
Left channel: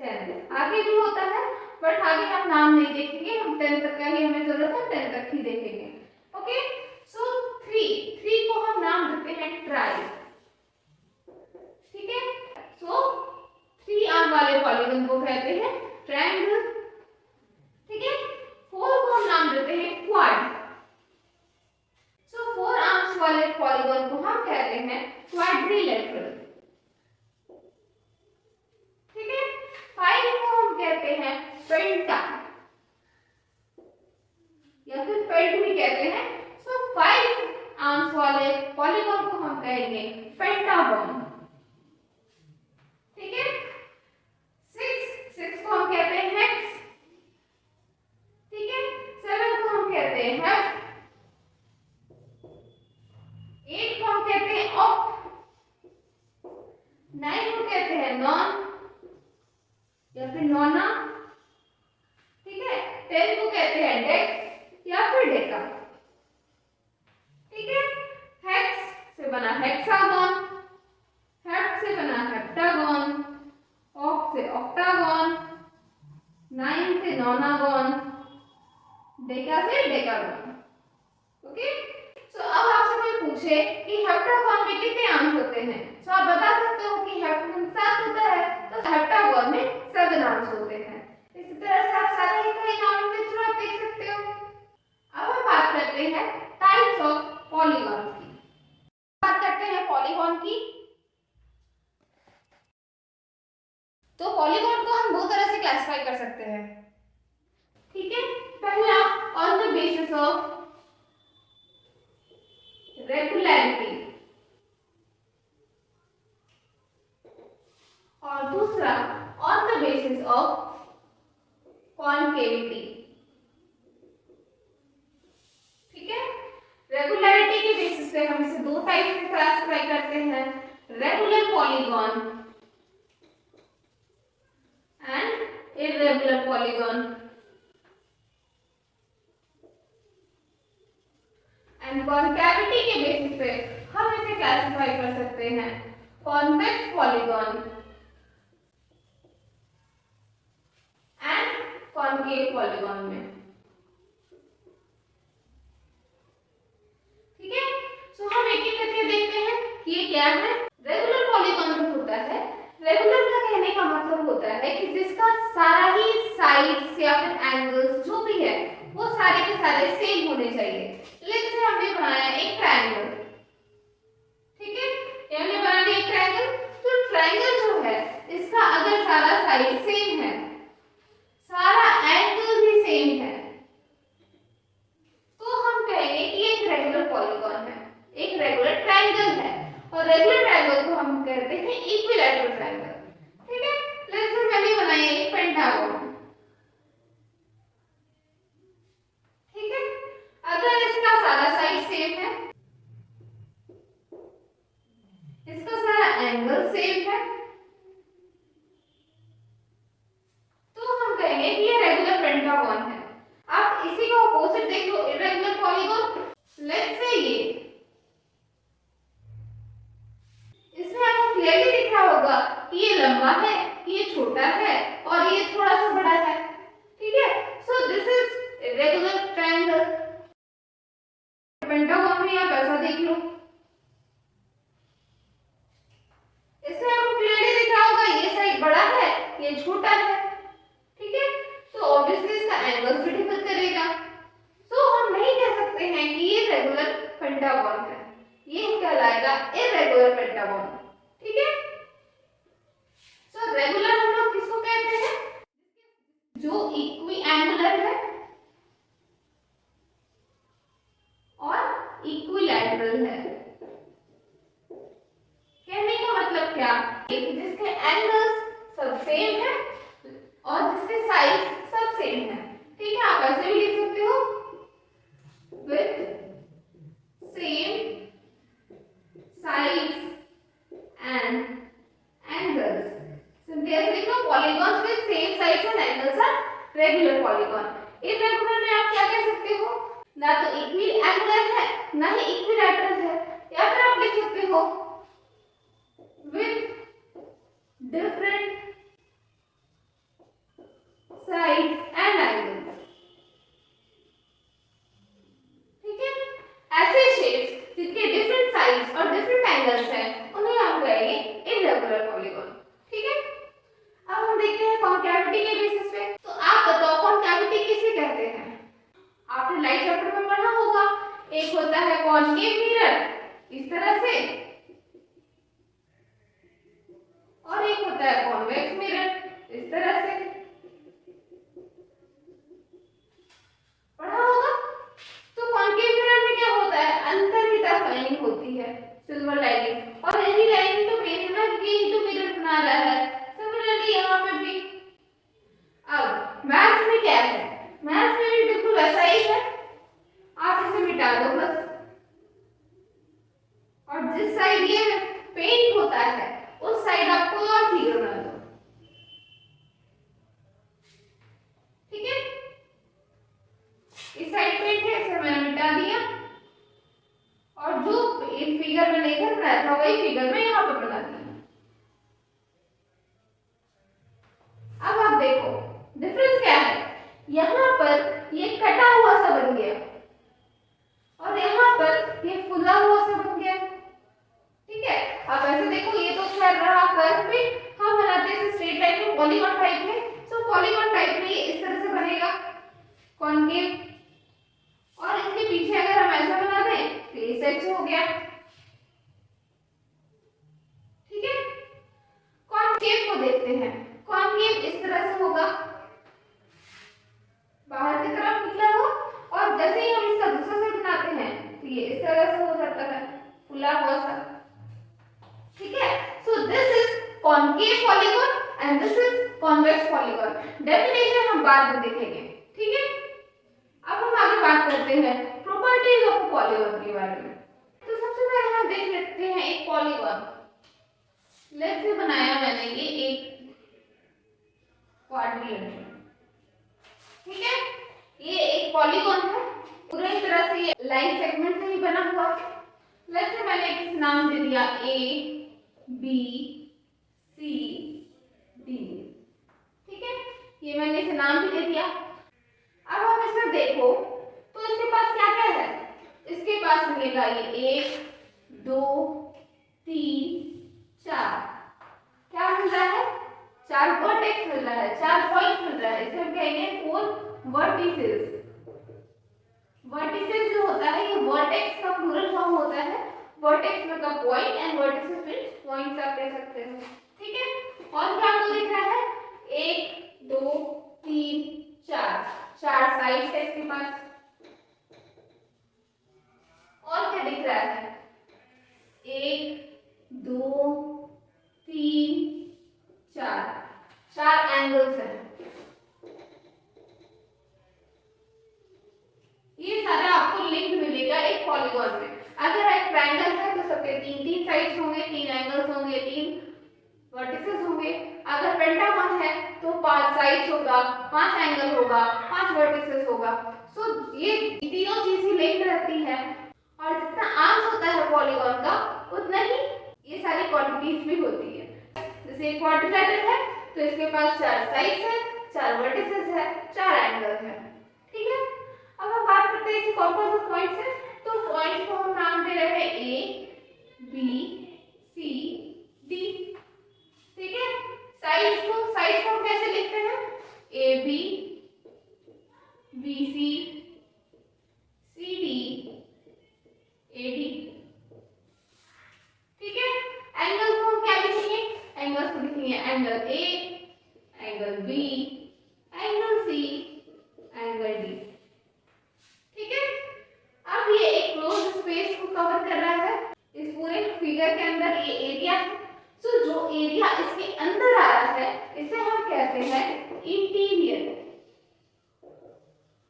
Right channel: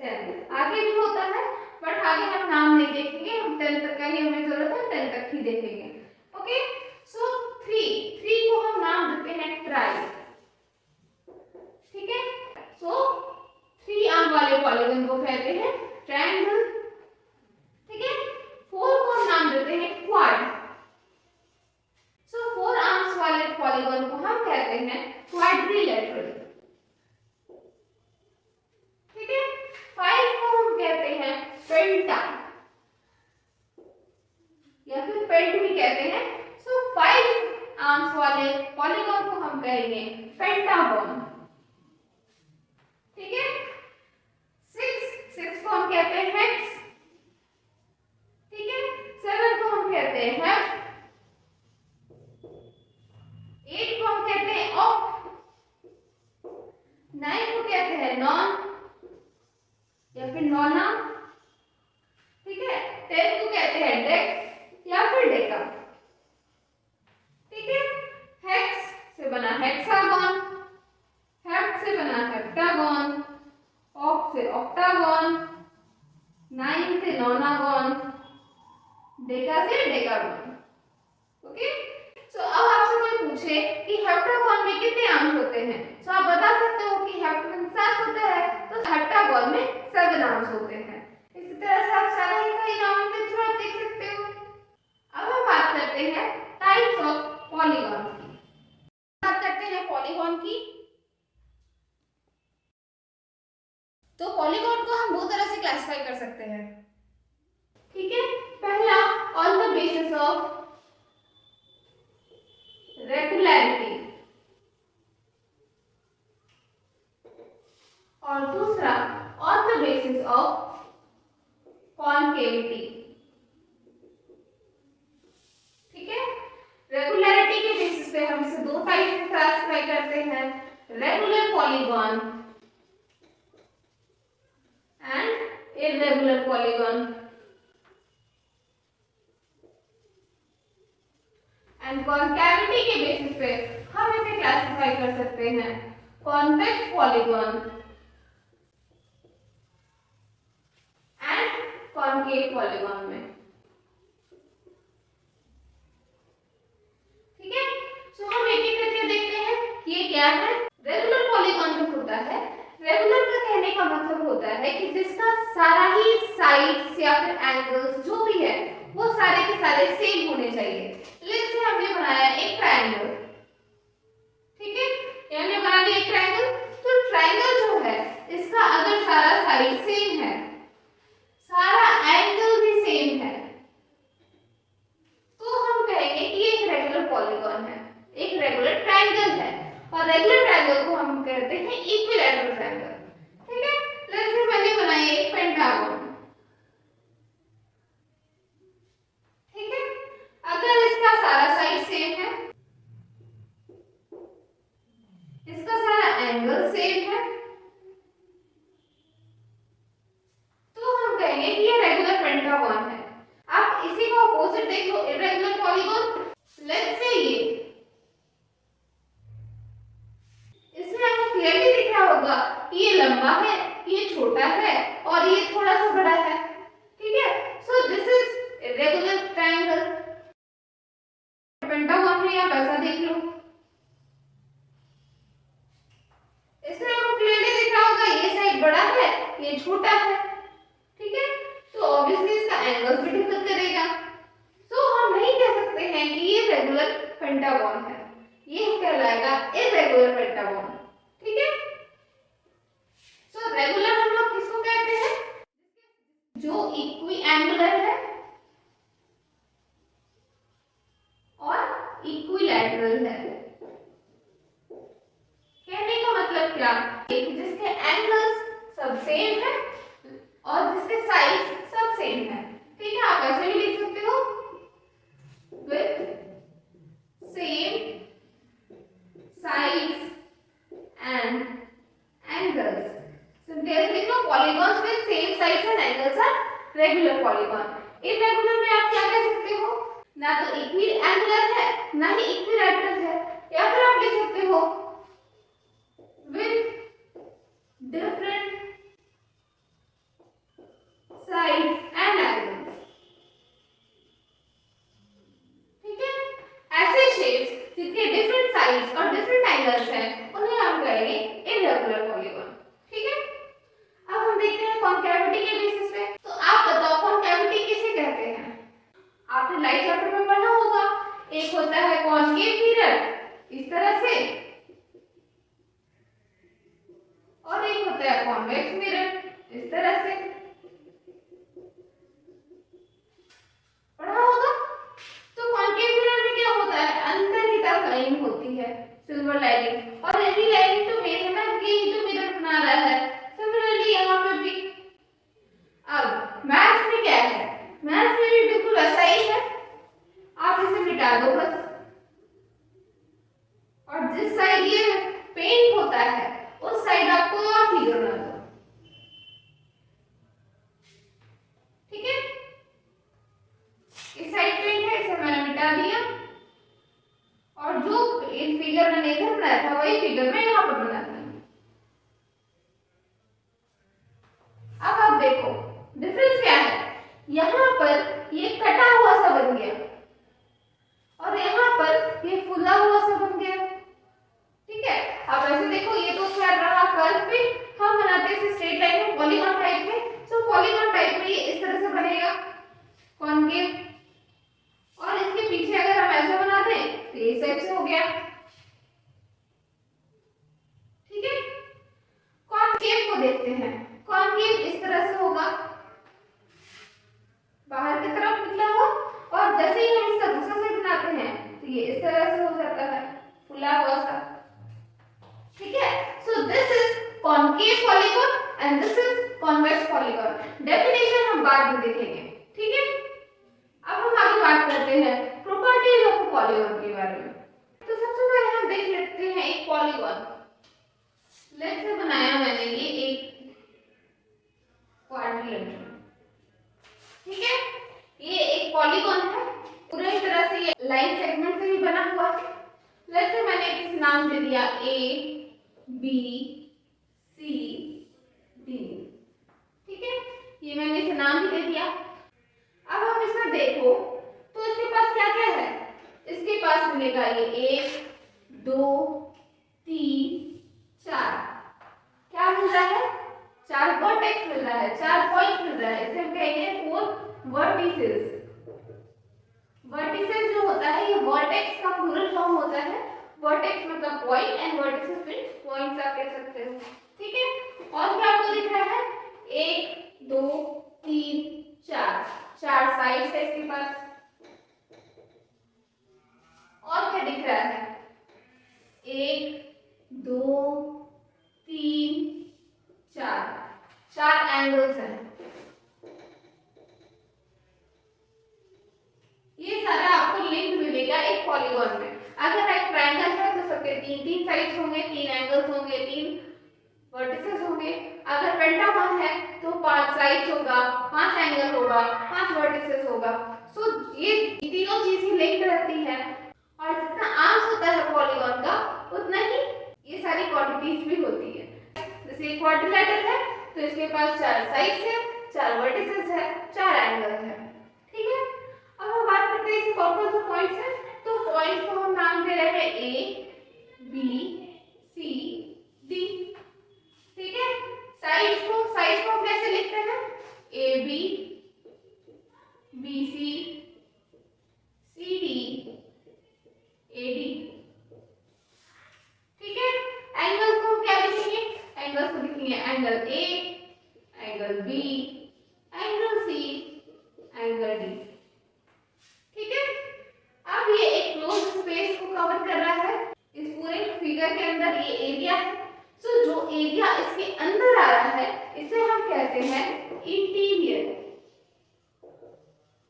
10। आगे भी होता है बट आगे हम नाम नहीं देखेंगे, हम 10 तक का ही हमें जरूरत है, 10 तक ही देखेंगे। ओके, सो 3 को हम नाम देते हैं ट्राई। ठीक है, सो 3 आर्म वाले पॉलीगन को कहते हैं ट्रायंगल। ठीक है, 4 को हम नाम देते हैं क्वाड। सो 4 आर्म्स वाले पॉलीगन को हम कहते हैं क्वाड्रिलेटरल। ठीक है, 5 को हम कहते हैं पेंटा या फिर पेंट भी कहते हैं। सो 5 आर्म्स वाले पॉलीगन को हम कहेंगे पेंटागन। ठीक है, 6 को हम कहते हैं हेक्स। ठीक है, 7 को हम कहते हैं हेप्ट। 8 को हम कहते हैं ऑक्ट। 9 को कहते हैं नॉन या फिर नोना। ठीक है, 10 को कहते हैं डेक या फिर डेका। ठीक है, हेक्स से बना हेक्सागन, हेप्ट से बना हेप्टागन, ऑक्ट से ऑक्टागन, 9 से नोनागन, डेका से डेकागन। ओके, सो अब आपसे कोई पूछे कि हेप्टागन में कितने आर्म्स होते हैं, तो आप बता सकते हो कि हेप्ट में 7 होता है, तो हेप्टागन में 7 आर्म्स होते हैं। इसी तरह से आप सारे ही कई नॉमेनक्लेचर आप देख सकते हो। अब हम बात करते हैं टाइप्स ऑफ पॉलीगन की। बात करते हैं पॉलीगन की। तो पॉलीगन को हम दो तरह से क्लासिफाई कर सकते हैं। ठीक है, पहला on the basis of regularity और दूसरा on the basis of concavity. ठीक है, रेगुलरिटी के बेसिस पे हम इसे दो टाइप में क्लासिफाई करते हैं, regular polygon and irregular polygon. And concavity के बेसिस पे हम इसे क्लासिफाई कर सकते हैं convex polygon and concave polygon में। ठीक है, सो हम एक एक करके देखते हैं कि ये क्या है। रेगुलर पॉलीगन जो होता है, रेगुलर का कहने का मतलब होता है कि जिसका सारा ही साइड्स या फिर एंगल्स जो भी है वो सारे के सारे सेम होने चाहिए। लेट्स से हमने बनाया एक ट्रायंगल। ठीक है, ये हमने बना दिया एक ट्रायंगल। तो ट्रायंगल जो है इसका अगर सारा साइड सेम है, सारा एंगल भी सेम है, तो हम कहेंगे कि एक रेगुलर पॉलीगन है, एक रेगुलर ट्रायंगल है। और रेगुलर ट्रायंगल को हम कहते हैं इक्विलैटरल ट्रायंगल। ठीक है, लेट्स से मैंने बनाया एक पेंटागन। ठीक है, अगर इसका सारा साइड सेम है, इसका सारा एंगल सेम है, तो हम कहेंगे कि ये रेगुलर पेंटागन है। आप इसी का ऑपोजिट देख लो, इर्रेगुलर पॉलीगन। लेट्स से इसमें आपको क्लियरली दिख रहा होगा कि ये लंबा है, ये छोटा है और ये थोड़ा सा बड़ा है। ठीक है, so this is irregular triangle. Pentagon भी आप ऐसा देख लो, इसमें आपको क्लियरली दिख रहा होगा ये साइड बड़ा है, ये छोटा है। ठीक है, तो ऑब्वियसली इसका एंगल भी डिफर करेगा। तो हम नहीं कह सकते हैं कि ये रेगुलर पेंटागन है, ये कहलाएगा इर्रेगुलर पेंटागन। ठीक है, सो रेगुलर हम लोग किसको कहते हैं, जो इक्वी ना तो इक्वि एंगुलर है ना ही इक्विलैटरल है, या फिर आप लिख सकते हो with different sides and angles. ठीक है, ऐसे शेप्स जिनके डिफरेंट साइड्स और डिफरेंट एंगल्स हैं उन्हें हम कहेंगे इर्रेगुलर पॉलीगॉन। ठीक है, अब हम देखते हैं कॉन्कैविटी के बेसिस पे। तो आप बताओ कॉन्कैविटी किसे कहते हैं? आपने लाइट चैप्टर में पढ़ा होगा, एक होता है कॉनकेव मिरर इस तरह से, और एक होता है कॉन्वेक्स मिरर इस तरह से, पढ़ा होगा। तो कॉनकेव मिरर में क्या होता है, अंदर की तरफ लाइनिंग होती है, सिल्वर लाइनिंग, और यही लाइनिंग तो मेरे ना यही तो मिरर बना रहा है। सिमिलरली यहाँ पे भी। अब मैथ्स में क्या है, मैथ्स में भी बिल्कुल ऐसा ही है, आप इसे मिटा दो बस, और जिस साइड ये पेंट होता है उस साइड आप कोई और फिगर बना दो। ठीक है, इस साइड पेंट है, इसे मैंने मिटा दिया, और जो इस फिगर मैंने इधर बनाया था वही फिगर मैं यहाँ पर बना दिया। अब आप देखो डिफरेंस क्या है, यहाँ पर ये कटा हुआ सा बन गया और यहाँ पर ये फुला हुआ सा बन गया। ठीक है, अब ऐसे देखो ये तो खैर रहा कर्व पे, हम बनाते हैं स्ट्रेट लाइन में पॉलीगॉन टाइप में। सो पॉलीगॉन टाइप में ये इस तरह से बनेगा कॉनकेव, और इसके पीछे अगर हम ऐसा बना दें तो इस टाइप से हो गया। ठीक है, कॉनकेव को देखते हैं, कॉनकेव इस तरह से होगा, बाहर की तरफ निकला हुआ, और जैसे ही हम इसका दूसरा साइड बनाते हैं तो ये इस तरह से हो जाता है फुला हुआ सा। ठीक है, so this is concave polygon and this is convex polygon. Definition हम बाद में देखेंगे। ठीक है, अब हम आगे बात करते हैं प्रॉपर्टीज ऑफ पॉलीगॉन के बारे में। तो सबसे पहले हम देख लेते हैं एक पॉलीगॉन। लेट्स से बनाया मैंने ये एक क्वाड्रिलेटरल। ठीक है, ये एक पॉलीगॉन है, पूरी तरह से ये लाइन सेगमेंट से ही बना हुआ है। लेट्स से मैंने इस नाम दे दिया ए बी सी डी। ठीक है, ये मैंने इसे नाम भी दे दिया। अब आप इसमें देखो तो इसके पास क्या क्या है, इसके पास मिलेगा ये 1 2 3 4, क्या मिल रहा है, 4 वर्टेक्स मिल रहा है, 4 पॉइंट मिल रहा है, इसे हम कहेंगे 4 वर्टिसेस। वर्टिसेस जो होता है ये वर्टेक्स का प्लूरल फॉर्म होता है, वर्टेक्स मतलब point and vertices means points आप कह सकते हो। ठीक है, और क्या आपको दिख रहा है, 1 2 3 4, 4 साइड्स है इसके पास, और क्या दिख रहा है, 1 2 3 4, 4 एंगल्स हैं। ये सारा आपको लिंक मिलेगा एक पॉलीगॉन में। अगर एक ट्रायंगल है तो सबके 3 साइड्स होंगे, 3 एंगल्स होंगे, 3 वर्टिसेस होंगे। अगर पेंटागन है तो 5 साइड्स होगा, 5 एंगल होगा, 5 वर्टिसेस होगा। सो ये तीनों चीजें लिंक रहती है, और जितना आर्म्स होता है पॉलीगॉन का उतना ही ये सारी क्वांटिटीज भी होती है। जैसे एक क्वाड्रिलेटरल है तो इसके पास 4 साइड्स है, 4 वर्टिसेस है, 4 एंगल है। ठीक है, अब हम बात करते हैं इसके कौन कौन से पॉइंट्स हैं। तो पॉइंट्स को हम नाम दे रहे हैं ए बी सी डी। ठीक है, साइड्स को हम कैसे लिखते हैं, A B B C C D A D. ठीक है, एंगल्स को हम क्या लिखेंगे, एंगल्स को लिखेंगे angle A, angle B, angle C, angle D. ठीक है, अब ये एक क्लोज स्पेस को कवर कर रहा है, इस पूरे फिगर के अंदर ये एरिया है। सो जो एरिया इसके अंदर आ रहा है इसे हम कहते हैं इंटीरियर,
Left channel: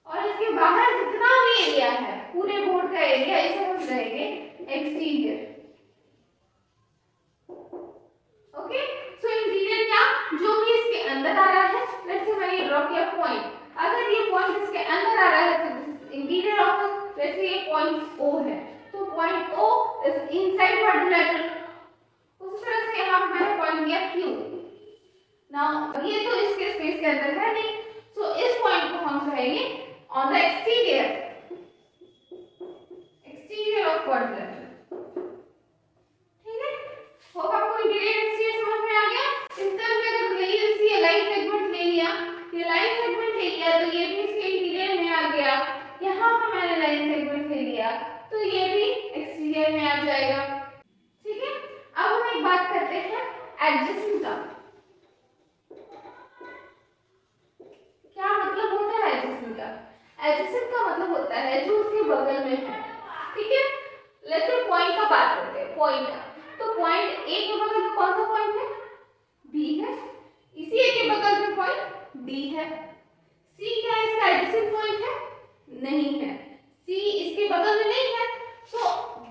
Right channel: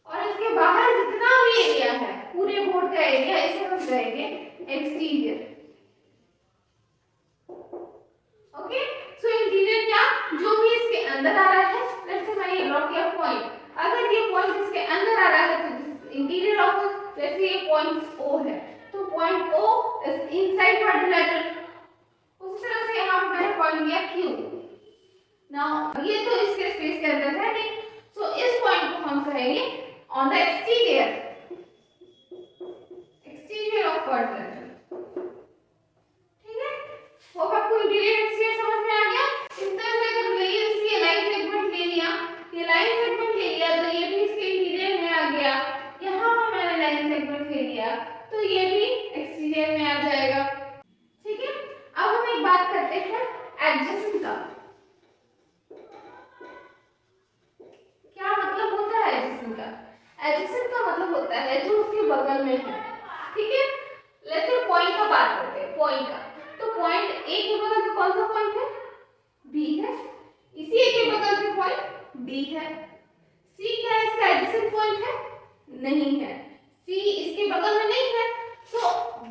और इसके बाहर जितना भी एरिया है पूरे बोर्ड का एरिया इसे हम कहेंगे एक्सटीरियर। ओके, सो इंटीरियर क्या, जो भी इसके अंदर आ रहा है। लेट्स से मैंने ड्रॉ किया पॉइंट, अगर ये पॉइंट इसके अंदर आ रहा है तो this is interior of is inside quadrilateral. उसी तरह से यहाँ मैंने पॉइंट दिया Q। नाउ ये तो इसके स्पेस के अंदर है नहीं, सो इस पॉइंट को हम कहेंगे on the exterior of quadrilateral. ठीक है, होप आपको इंटीरियर एक्सटीरियर समझ में आ गया। इस तरह से अगर ये लाइन सेगमेंट ले लिया, ये लाइन सेगमेंट ले लिया तो ये भी इसके इंटीरियर में आ गया। यहाँ पर मैंने लाइन सेगमेंट ले लिया तो ये भी एक्सटीरियर में आ जाएगा। ठीक है, अब हम एक बात करते हैं एडजेसेंट का। क्या मतलब होता है एडजेसेंट का? एडजेसेंट का मतलब होता है जो उसके बगल में है। ठीक है, लेट्स पॉइंट का बात करते हैं। पॉइंट का तो पॉइंट ए के बगल में कौन सा पॉइंट है? बी है। इसी ए के बगल में पॉइंट डी है। सी क्या इसका एडजेसेंट पॉइंट है? नहीं है। सी इसके बगल में नहीं है, तो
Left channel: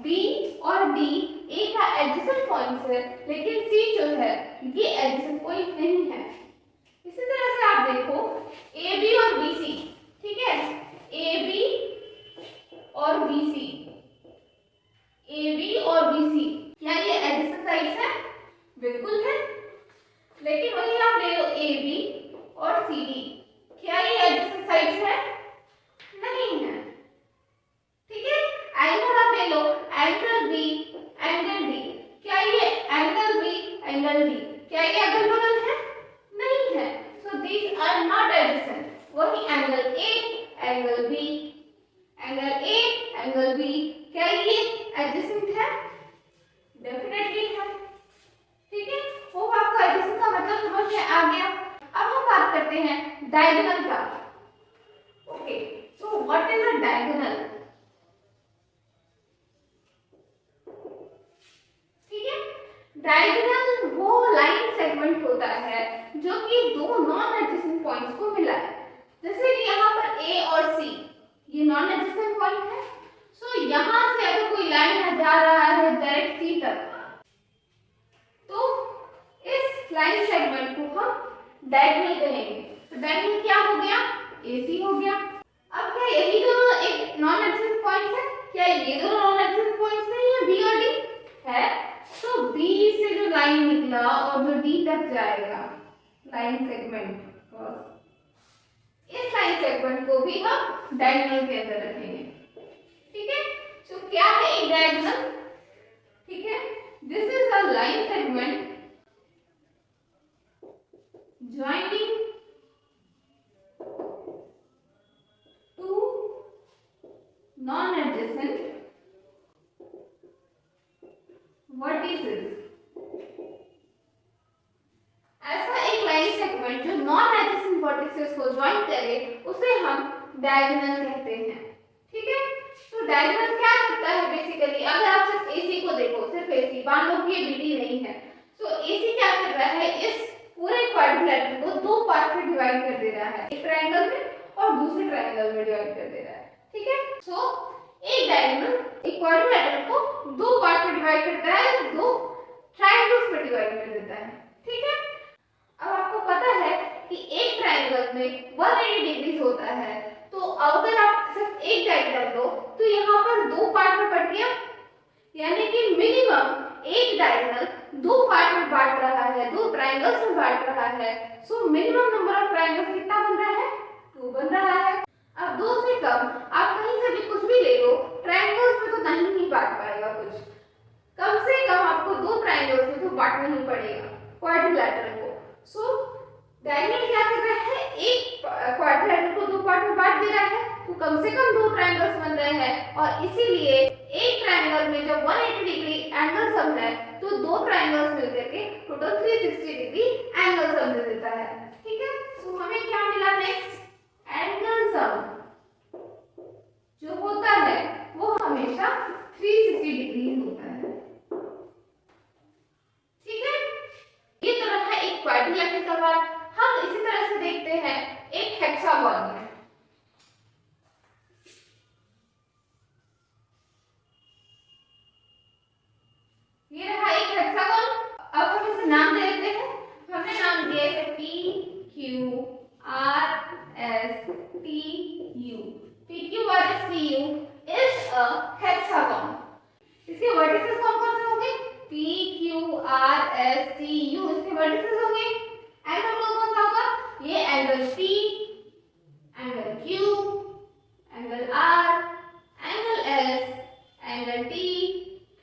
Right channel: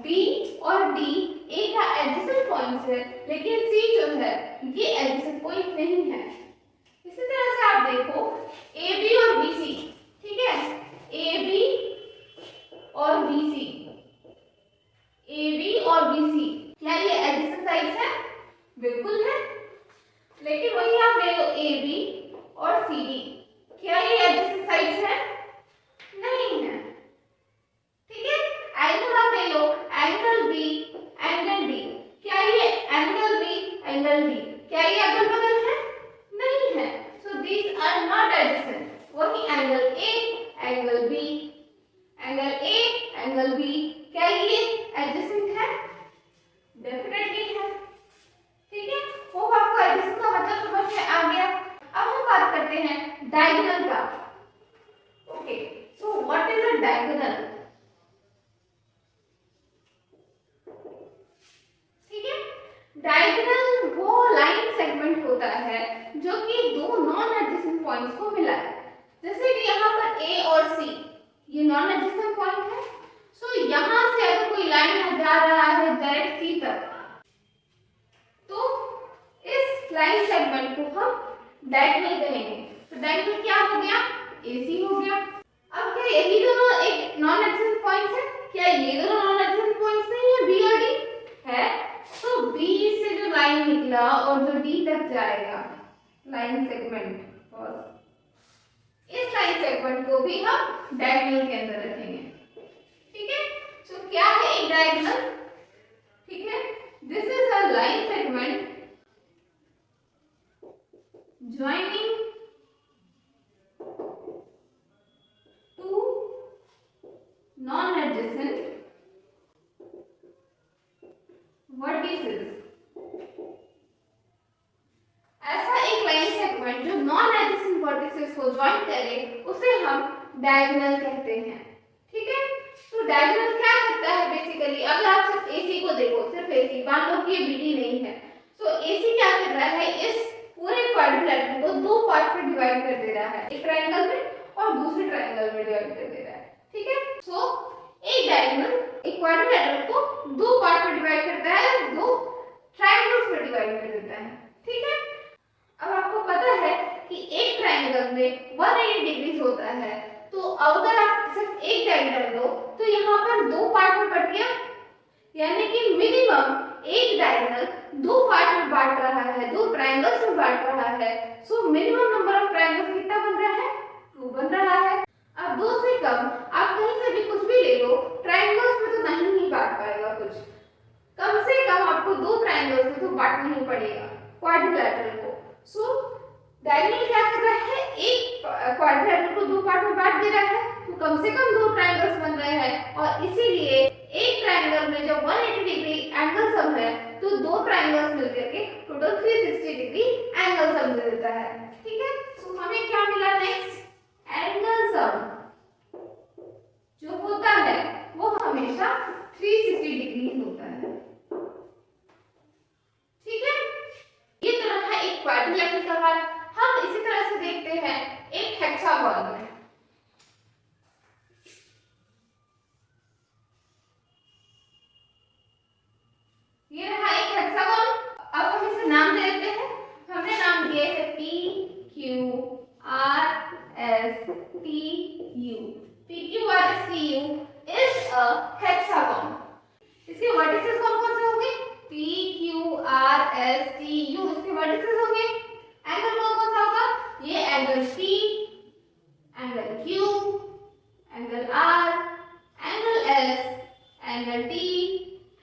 बी और डी ए का एडजेसेंट पॉइंट है, लेकिन सी जो है ये एडजेसेंट पॉइंट नहीं है। इसी तरह से आप देखो ए बी और बी सी। ठीक है, ए बी और बी सी, ए बी और बी सी, क्या ये एडजेसेंट साइड्स है? बिल्कुल है। लेकिन वही आप ले लो ए बी और सी डी, क्या ये एडजेसेंट साइड्स है? नहीं है। ठीक है, एंगल आप ले लो, एंगल बी एंगल डी, क्या ये एंगल बी एंगल डी, क्या ये अगल बगल है? नहीं है। So these are not adjacent. वही angle A angle B, angle A angle B, क्या ये एडजेसेंट है? डेफिनेटली है। ठीक है, वो आपको एडजेसेंट का मतलब समझ में आ गया। अब हम बात करते हैं डायगोनल का। Okay, so what is a diagonal? ठीक है, डायगोनल वो लाइन सेगमेंट होता है जो कि दो नॉन एडजेसेंट पॉइंट्स को मिलाए। जैसे कि यहाँ पर ए और सी ये नॉन एडजेसेंट पॉइंट है, सो यहाँ से अगर कोई लाइन जा रहा है डायरेक्ट सी तक, तो इस लाइन सेगमेंट को हम डायगोनल कहेंगे। तो डायगोनल क्या हो गया? AC हो गया। अब क्या यही दोनों एक नॉन एडजेसेंट पॉइंट्स है? क्या ये दोनों नॉन एडजेसेंट पॉइंट्स नहीं है? B और D है। तो B से जो लाइन निकला और जो D तक जाएगा लाइन सेगमेंट, इस लाइन सेगमेंट को भी हम डायगोनल के अंदर रखेंगे। ठीक है, तो क्या है एक डायगोनल? ठीक है, this is a line segment joining two non-adjacent vertices। ऐसा एक लाइन सेगमेंट जो नॉन एडजेसेंट वर्टिसेस को ज्वाइन करे उसे हम डायगोनल कहते हैं। ठीक है, तो डायगोनल क्या करता है बेसिकली? अगर आप सिर्फ AC को देखो, सिर्फ AC, मान लो कि ये BD नहीं है, तो AC क्या कर रहा है? इस पूरे क्वाड्रिलेटरल को दो पार्ट में डिवाइड कर दे रहा है, एक ट्रायंगल में और दूसरे ट्रायंगल में डिवाइड कर दे रहा है। ठीक है, सो एक डायगोनल एक क्वाड्रिलेटरल को दो पार्ट में डिवाइड करता है, दो ट्रायंगल्स में डिवाइड कर देता है। ठीक है, अब आपको पता है कि एक ट्रायंगल में 180 डिग्रीज होता है, तो अगर आप सिर्फ एक डायगोनल लो तो यहाँ पर दो पार्ट में बट गया, यानी कि मिनिमम एक डायगोनल दो पार्ट में बांट रहा है, दो ट्रायंगल्स में बांट रहा है। So minimum number of triangles कितना बन रहा है? 2 बन रहा है। अब दो से कम आप कहीं से भी कुछ भी ले लो, ट्रायंगल्स में तो नहीं ही बांट पाएगा कुछ। कम से कम आपको दो ट्रायंगल्स में तो बांटना ही पड़ेगा क्वाड्रिलेटरल को। सो डायगोनल क्या कर रहा है? एक क्वाड्रिलेटरल को दो पार्ट में बांट दे रहा है, तो कम से कम दो ट्रायंगल्स बन रहे हैं, और इसीलिए एक ट्रायंगल में जब 180 डिग्री एंगल सम है तो दो ट्रायंगल्स मिलकर के टोटल 360 डिग्री एंगल सम दे देता है। ठीक है, सो हमें क्या मिला नेक्स्ट? एंगल सम जो होता है वो हमेशा 360 डिग्री होता है। ठीक है, ये तो रहा एक क्वाड्रिलेटरल का बात। हम इसी तरह से देखते हैं एक हेक्सागोन में। ये रहा एक हेक्सागोन। अब हम इसे नाम दे देते हैं। हमने नाम दिया है PQRSTU। PQRSTU is a hexagon। इस इसके वर्टिसेस कौन कौन से होंगे? P Q R S T U इसके वर्टिसेस होंगे। एंगल कौन कौन सा होगा? ये angle P, angle Q, angle R, angle S, angle T,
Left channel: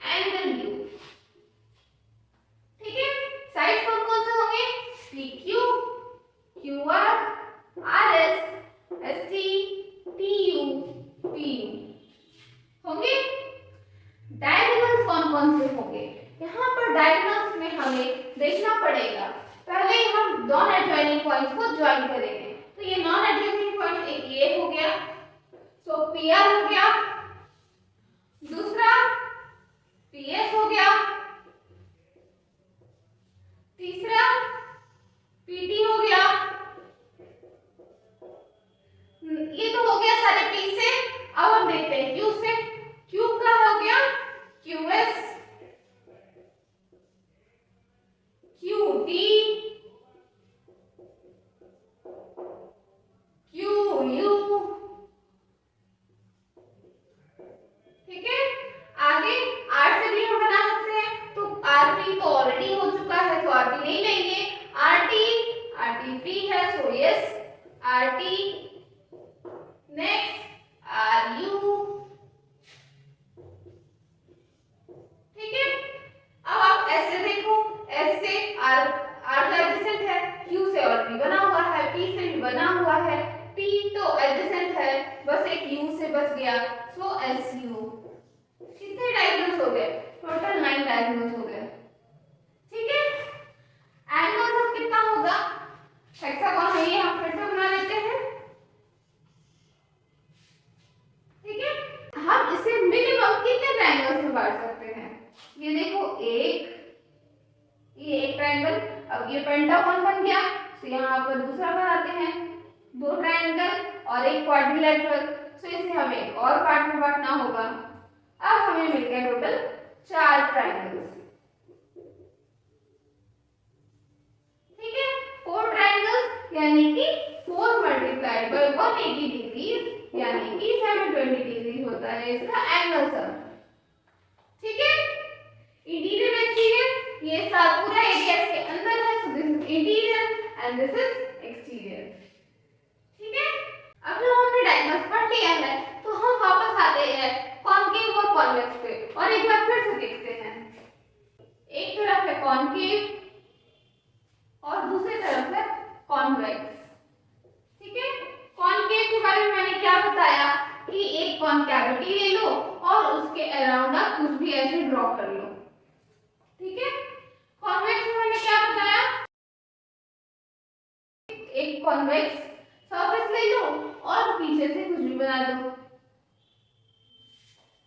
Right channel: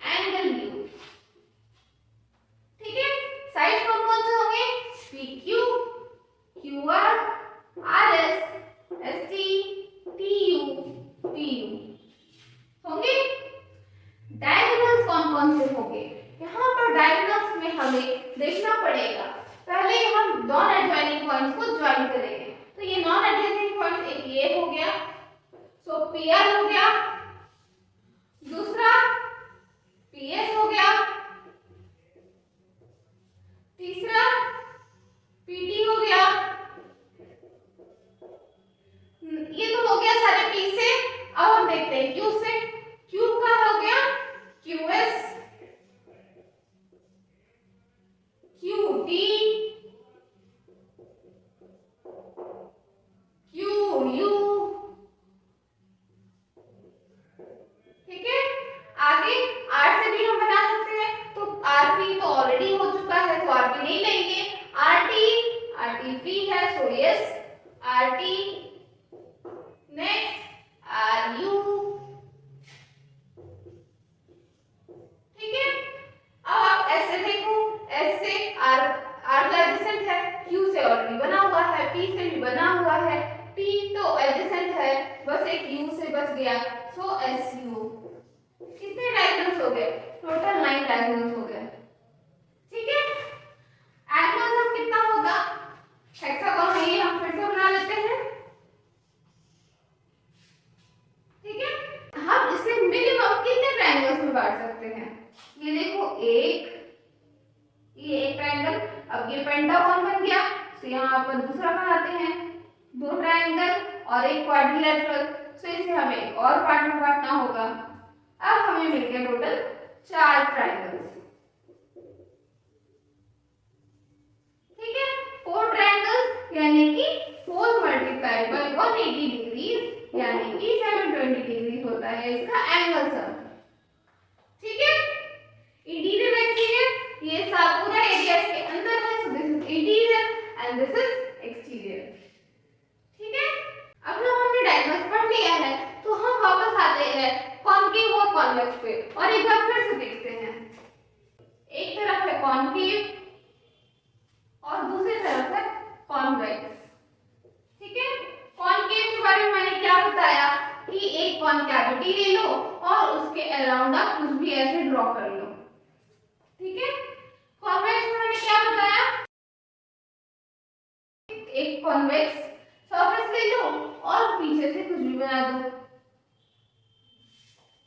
angle U। ठीक है, साइड कौन कौन से होंगे? P Q, Q R, R S, S T, T U, T U होंगे। डायगोनल्स कौन कौन से होंगे? यहाँ पर डायगोनल्स में हमें देखना पड़ेगा। पहले हम नॉन एडजॉइनिंग पॉइंट्स को ज्वाइन करेंगे। तो ये नॉन एडजॉइनिंग पॉइंट एक ये हो गया, सो PR हो गया, दूसरा PS हो गया, तीसरा PT हो गया। ये तो हो गया सारे P से। अब हम देखते हैं Q से। Q का हो गया QS, QT, QU। ठीक है, आगे R से भी हम बना सकते हैं। तो RP तो ऑलरेडी हो चुका है तो RP नहीं लेंगे। RT फ्री है so yes RT। Next RU। ठीक है, अब आप S से देखो। S से R का एडजेसेंट है, Q से ऑलरेडी बना हुआ है, P से भी बना हुआ है, T तो एडजेसेंट है, बस एक U से बच गया सो SU। कितने डायगोनल्स हो गए? टोटल 9 डायगोनल्स हो गए। ठीक है, एंगल कितना होगा? हेक्सागोन है ये, हम फिर से बना लेते हैं। ठीक है, हम इसे मिनिमम कितने ट्रायंगल्स में बांट सकते हैं? ये देखो ये एक ट्रायंगल। अब ये पेंटागन बन गया तो यहाँ पर दूसरा बनाते हैं, 2 ट्रायंगल और एक क्वाड्रिलेटरल। तो इसे हमें एक और पार्ट में बांटना होगा। अब हमें मिल गए टोटल 4 ट्रायंगल्स। ठीक है, 4 ट्रायंगल्स यानी कि 4 मल्टीप्लाइड बाय 180 डिग्रीज यानी कि 720 डिग्री होता है इसका एंगल सम। ठीक है, इंटीरियर एक्सटीरियर ये सब पूरा एरिया इसके अंदर है, so this is interior and this is exterior. ठीक है, अब जब हमने डायगोनल्स पढ़ लिया है तो हम वापस आते हैं कॉनकेव और कॉन्वेक्स पे और एक बार फिर से देखते हैं। एक तरफ है कॉनकेव और दूसरी तरफ है कॉन्वेक्स। ठीक है, कॉनकेव के बारे में मैंने क्या बताया कि एक कॉनकैविटी ले लो और उसके अराउंड आप कुछ भी ऐसे ड्रॉ कर लो। ठीक है, कॉन्वेक्स में मैंने क्या बताया, एक कॉन्वेक्स सरफेस ले लो और पीछे से कुछ भी बना दो।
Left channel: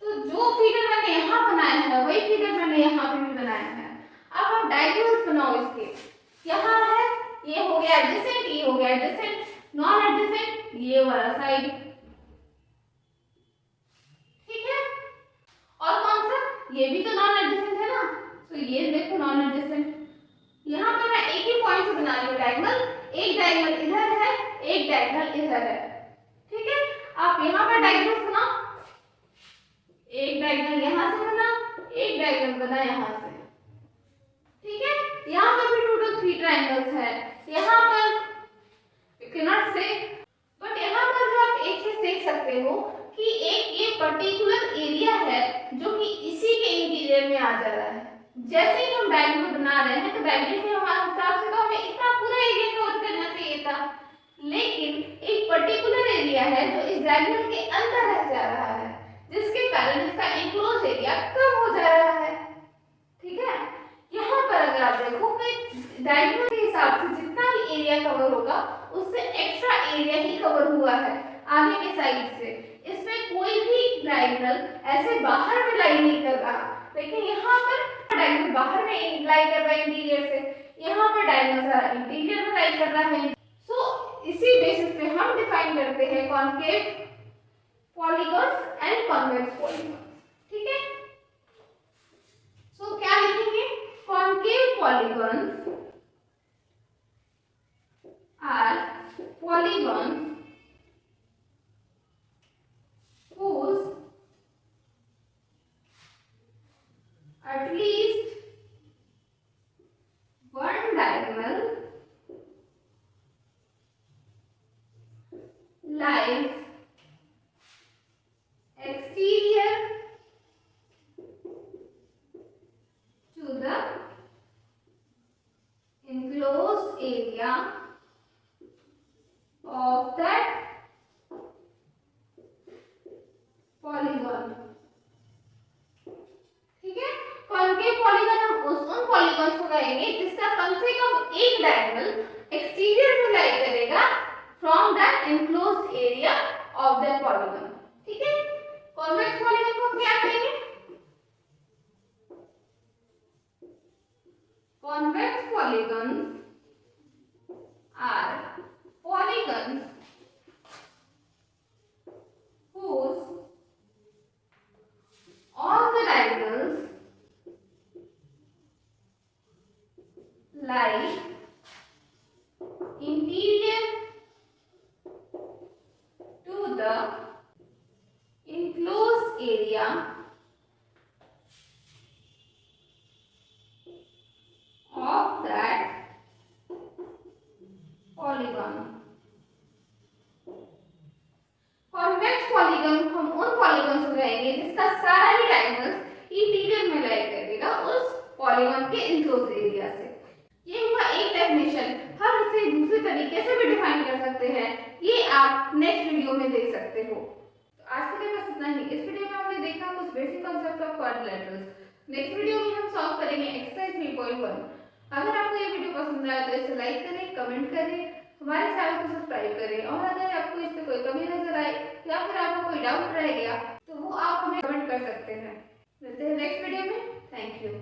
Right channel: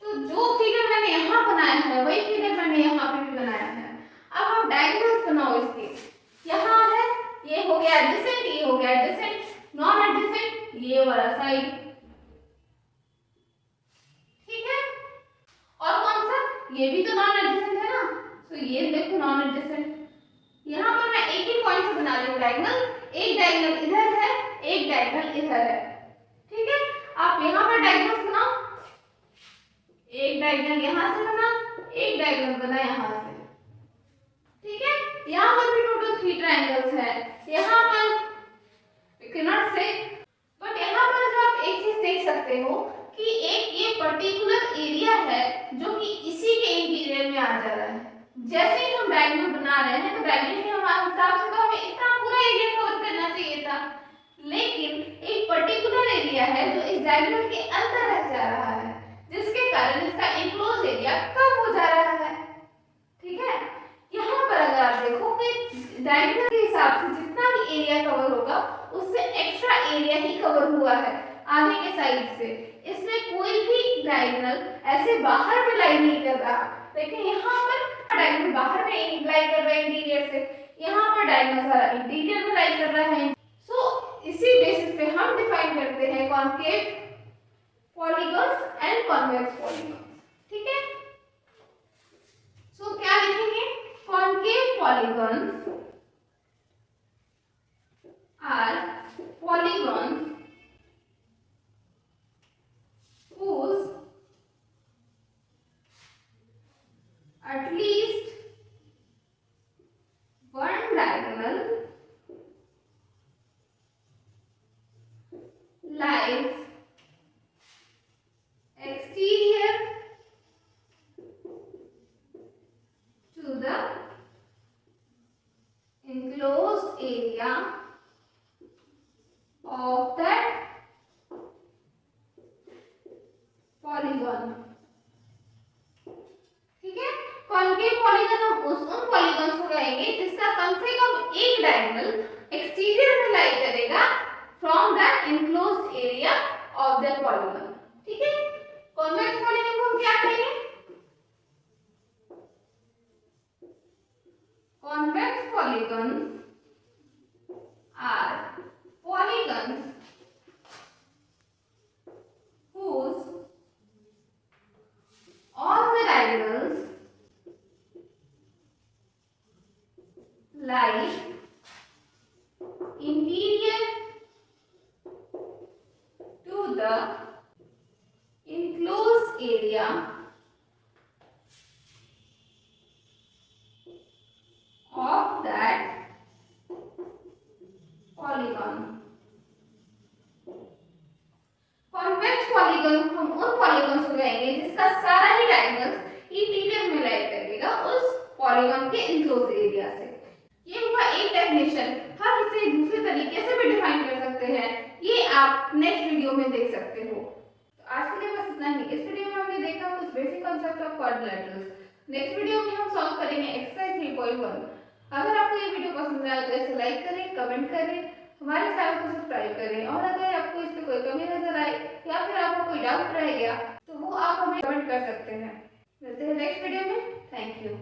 तो जो फिगर मैंने यहाँ बनाया है वही फिगर मैंने यहाँ पे भी बनाया है। अब हम डायगोनल्स बनाओ इसके। यहाँ है, ये हो गया एडजेसेंट, ये हो गया एडजेसेंट, नॉन एडजेसेंट ये वाला साइड। ठीक है, और कौन सा? ये भी तो नॉन एडजेसेंट है ना, तो ये देखो नॉन एडजेसेंट। यहाँ पर मैं एक ही पॉइंट से बना रही हूँ डायगोनल। एक डायगोनल इधर है, एक डायगोनल इधर है। ठीक है, आप यहाँ पर डायगोनल बनाओ, एक डायगोनल यहाँ से बना, एक डायगोनल बना यहाँ से। ठीक है, यहाँ पर भी टोटल 3 ट्रायंगल्स है। यहाँ पर you cannot say, बट यहाँ पर जो आप एक चीज देख सकते हो कि एक ये पर्टिकुलर एरिया है जो कि इसी के इंटीरियर में आ जा रहा है। जैसे ही हम डायगोनल बना रहे हैं तो डायगोनल के हमारे हिसाब से तो हमें इतना पूरा एरिया कवर करना चाहिए था, लेकिन एक पर्टिकुलर एरिया है जो इस डायगोनल के अंदर रह जा रहा है, जिसके कारण इसका एनक्लोज एरिया कम हो जा रहा है। ठीक है, यहाँ पर अगर आप देखो कि डायगोनल के हिसाब से जितना भी एरिया कवर होगा उससे एक्स्ट्रा एरिया ही कवर हुआ है आगे के साइड से। इसमें कोई भी डायगोनल ऐसे बाहर में लाई नहीं कर रहा, लेकिन यहाँ पर डायगोनल बाहर में लाई कर रहा है इंटीरियर से, यहाँ पर डायगोनल इंटीरियर में लाई कर रहा है। सो इसी बेसिस पे हम डिफाइन करते हैं concave polygons and convex polygons. ठीक है, सो क्या लिखेंगे? Concave polygons are polygons whose polygon. ठीक है, कॉन्केव पॉलीगन हम उन पॉलीगॉन्स को कहेंगे जिसका कम से कम एक डायगोनल एक्सटीरियर में लाई करेगा from the enclosed area of the polygon. ठीक है, कॉन्वेक्स पॉलीगन को हम क्या कहेंगे? Convex polygons are polygons whose all the diagonals lie interior to the enclosed area of that polygon। Convex polygon हम उन पॉलीगन को कहेंगे जिसका सारा ही डायगोनल्स इंटीरियर में लाई करेगा उस पॉलीगन के इनक्लोज एरिया से। ये हुआ एक डेफिनेशन। हम इसे दूसरे तरीके से भी डिफाइन कर सकते हैं, ये आप नेक्स्ट वीडियो में देख सकते हो। तो आज के लिए बस इतना ही। इस वीडियो में हमने देखा कुछ basic concept of quadrilaterals. Next video में हम सॉल्व करेंगे एक्सरसाइज 3.1। अगर आपको ये वीडियो पसंद आया तो इसे लाइक करें, कमेंट करें, हमारे चैनल को सब्सक्राइब करें, और अगर आपको इसमें कोई कमी नजर आई या फिर आपको कोई डाउट रह गया तो वो आप हमें कमेंट कर सकते हैं। मिलते हैं नेक्स्ट वीडियो में। Thank you.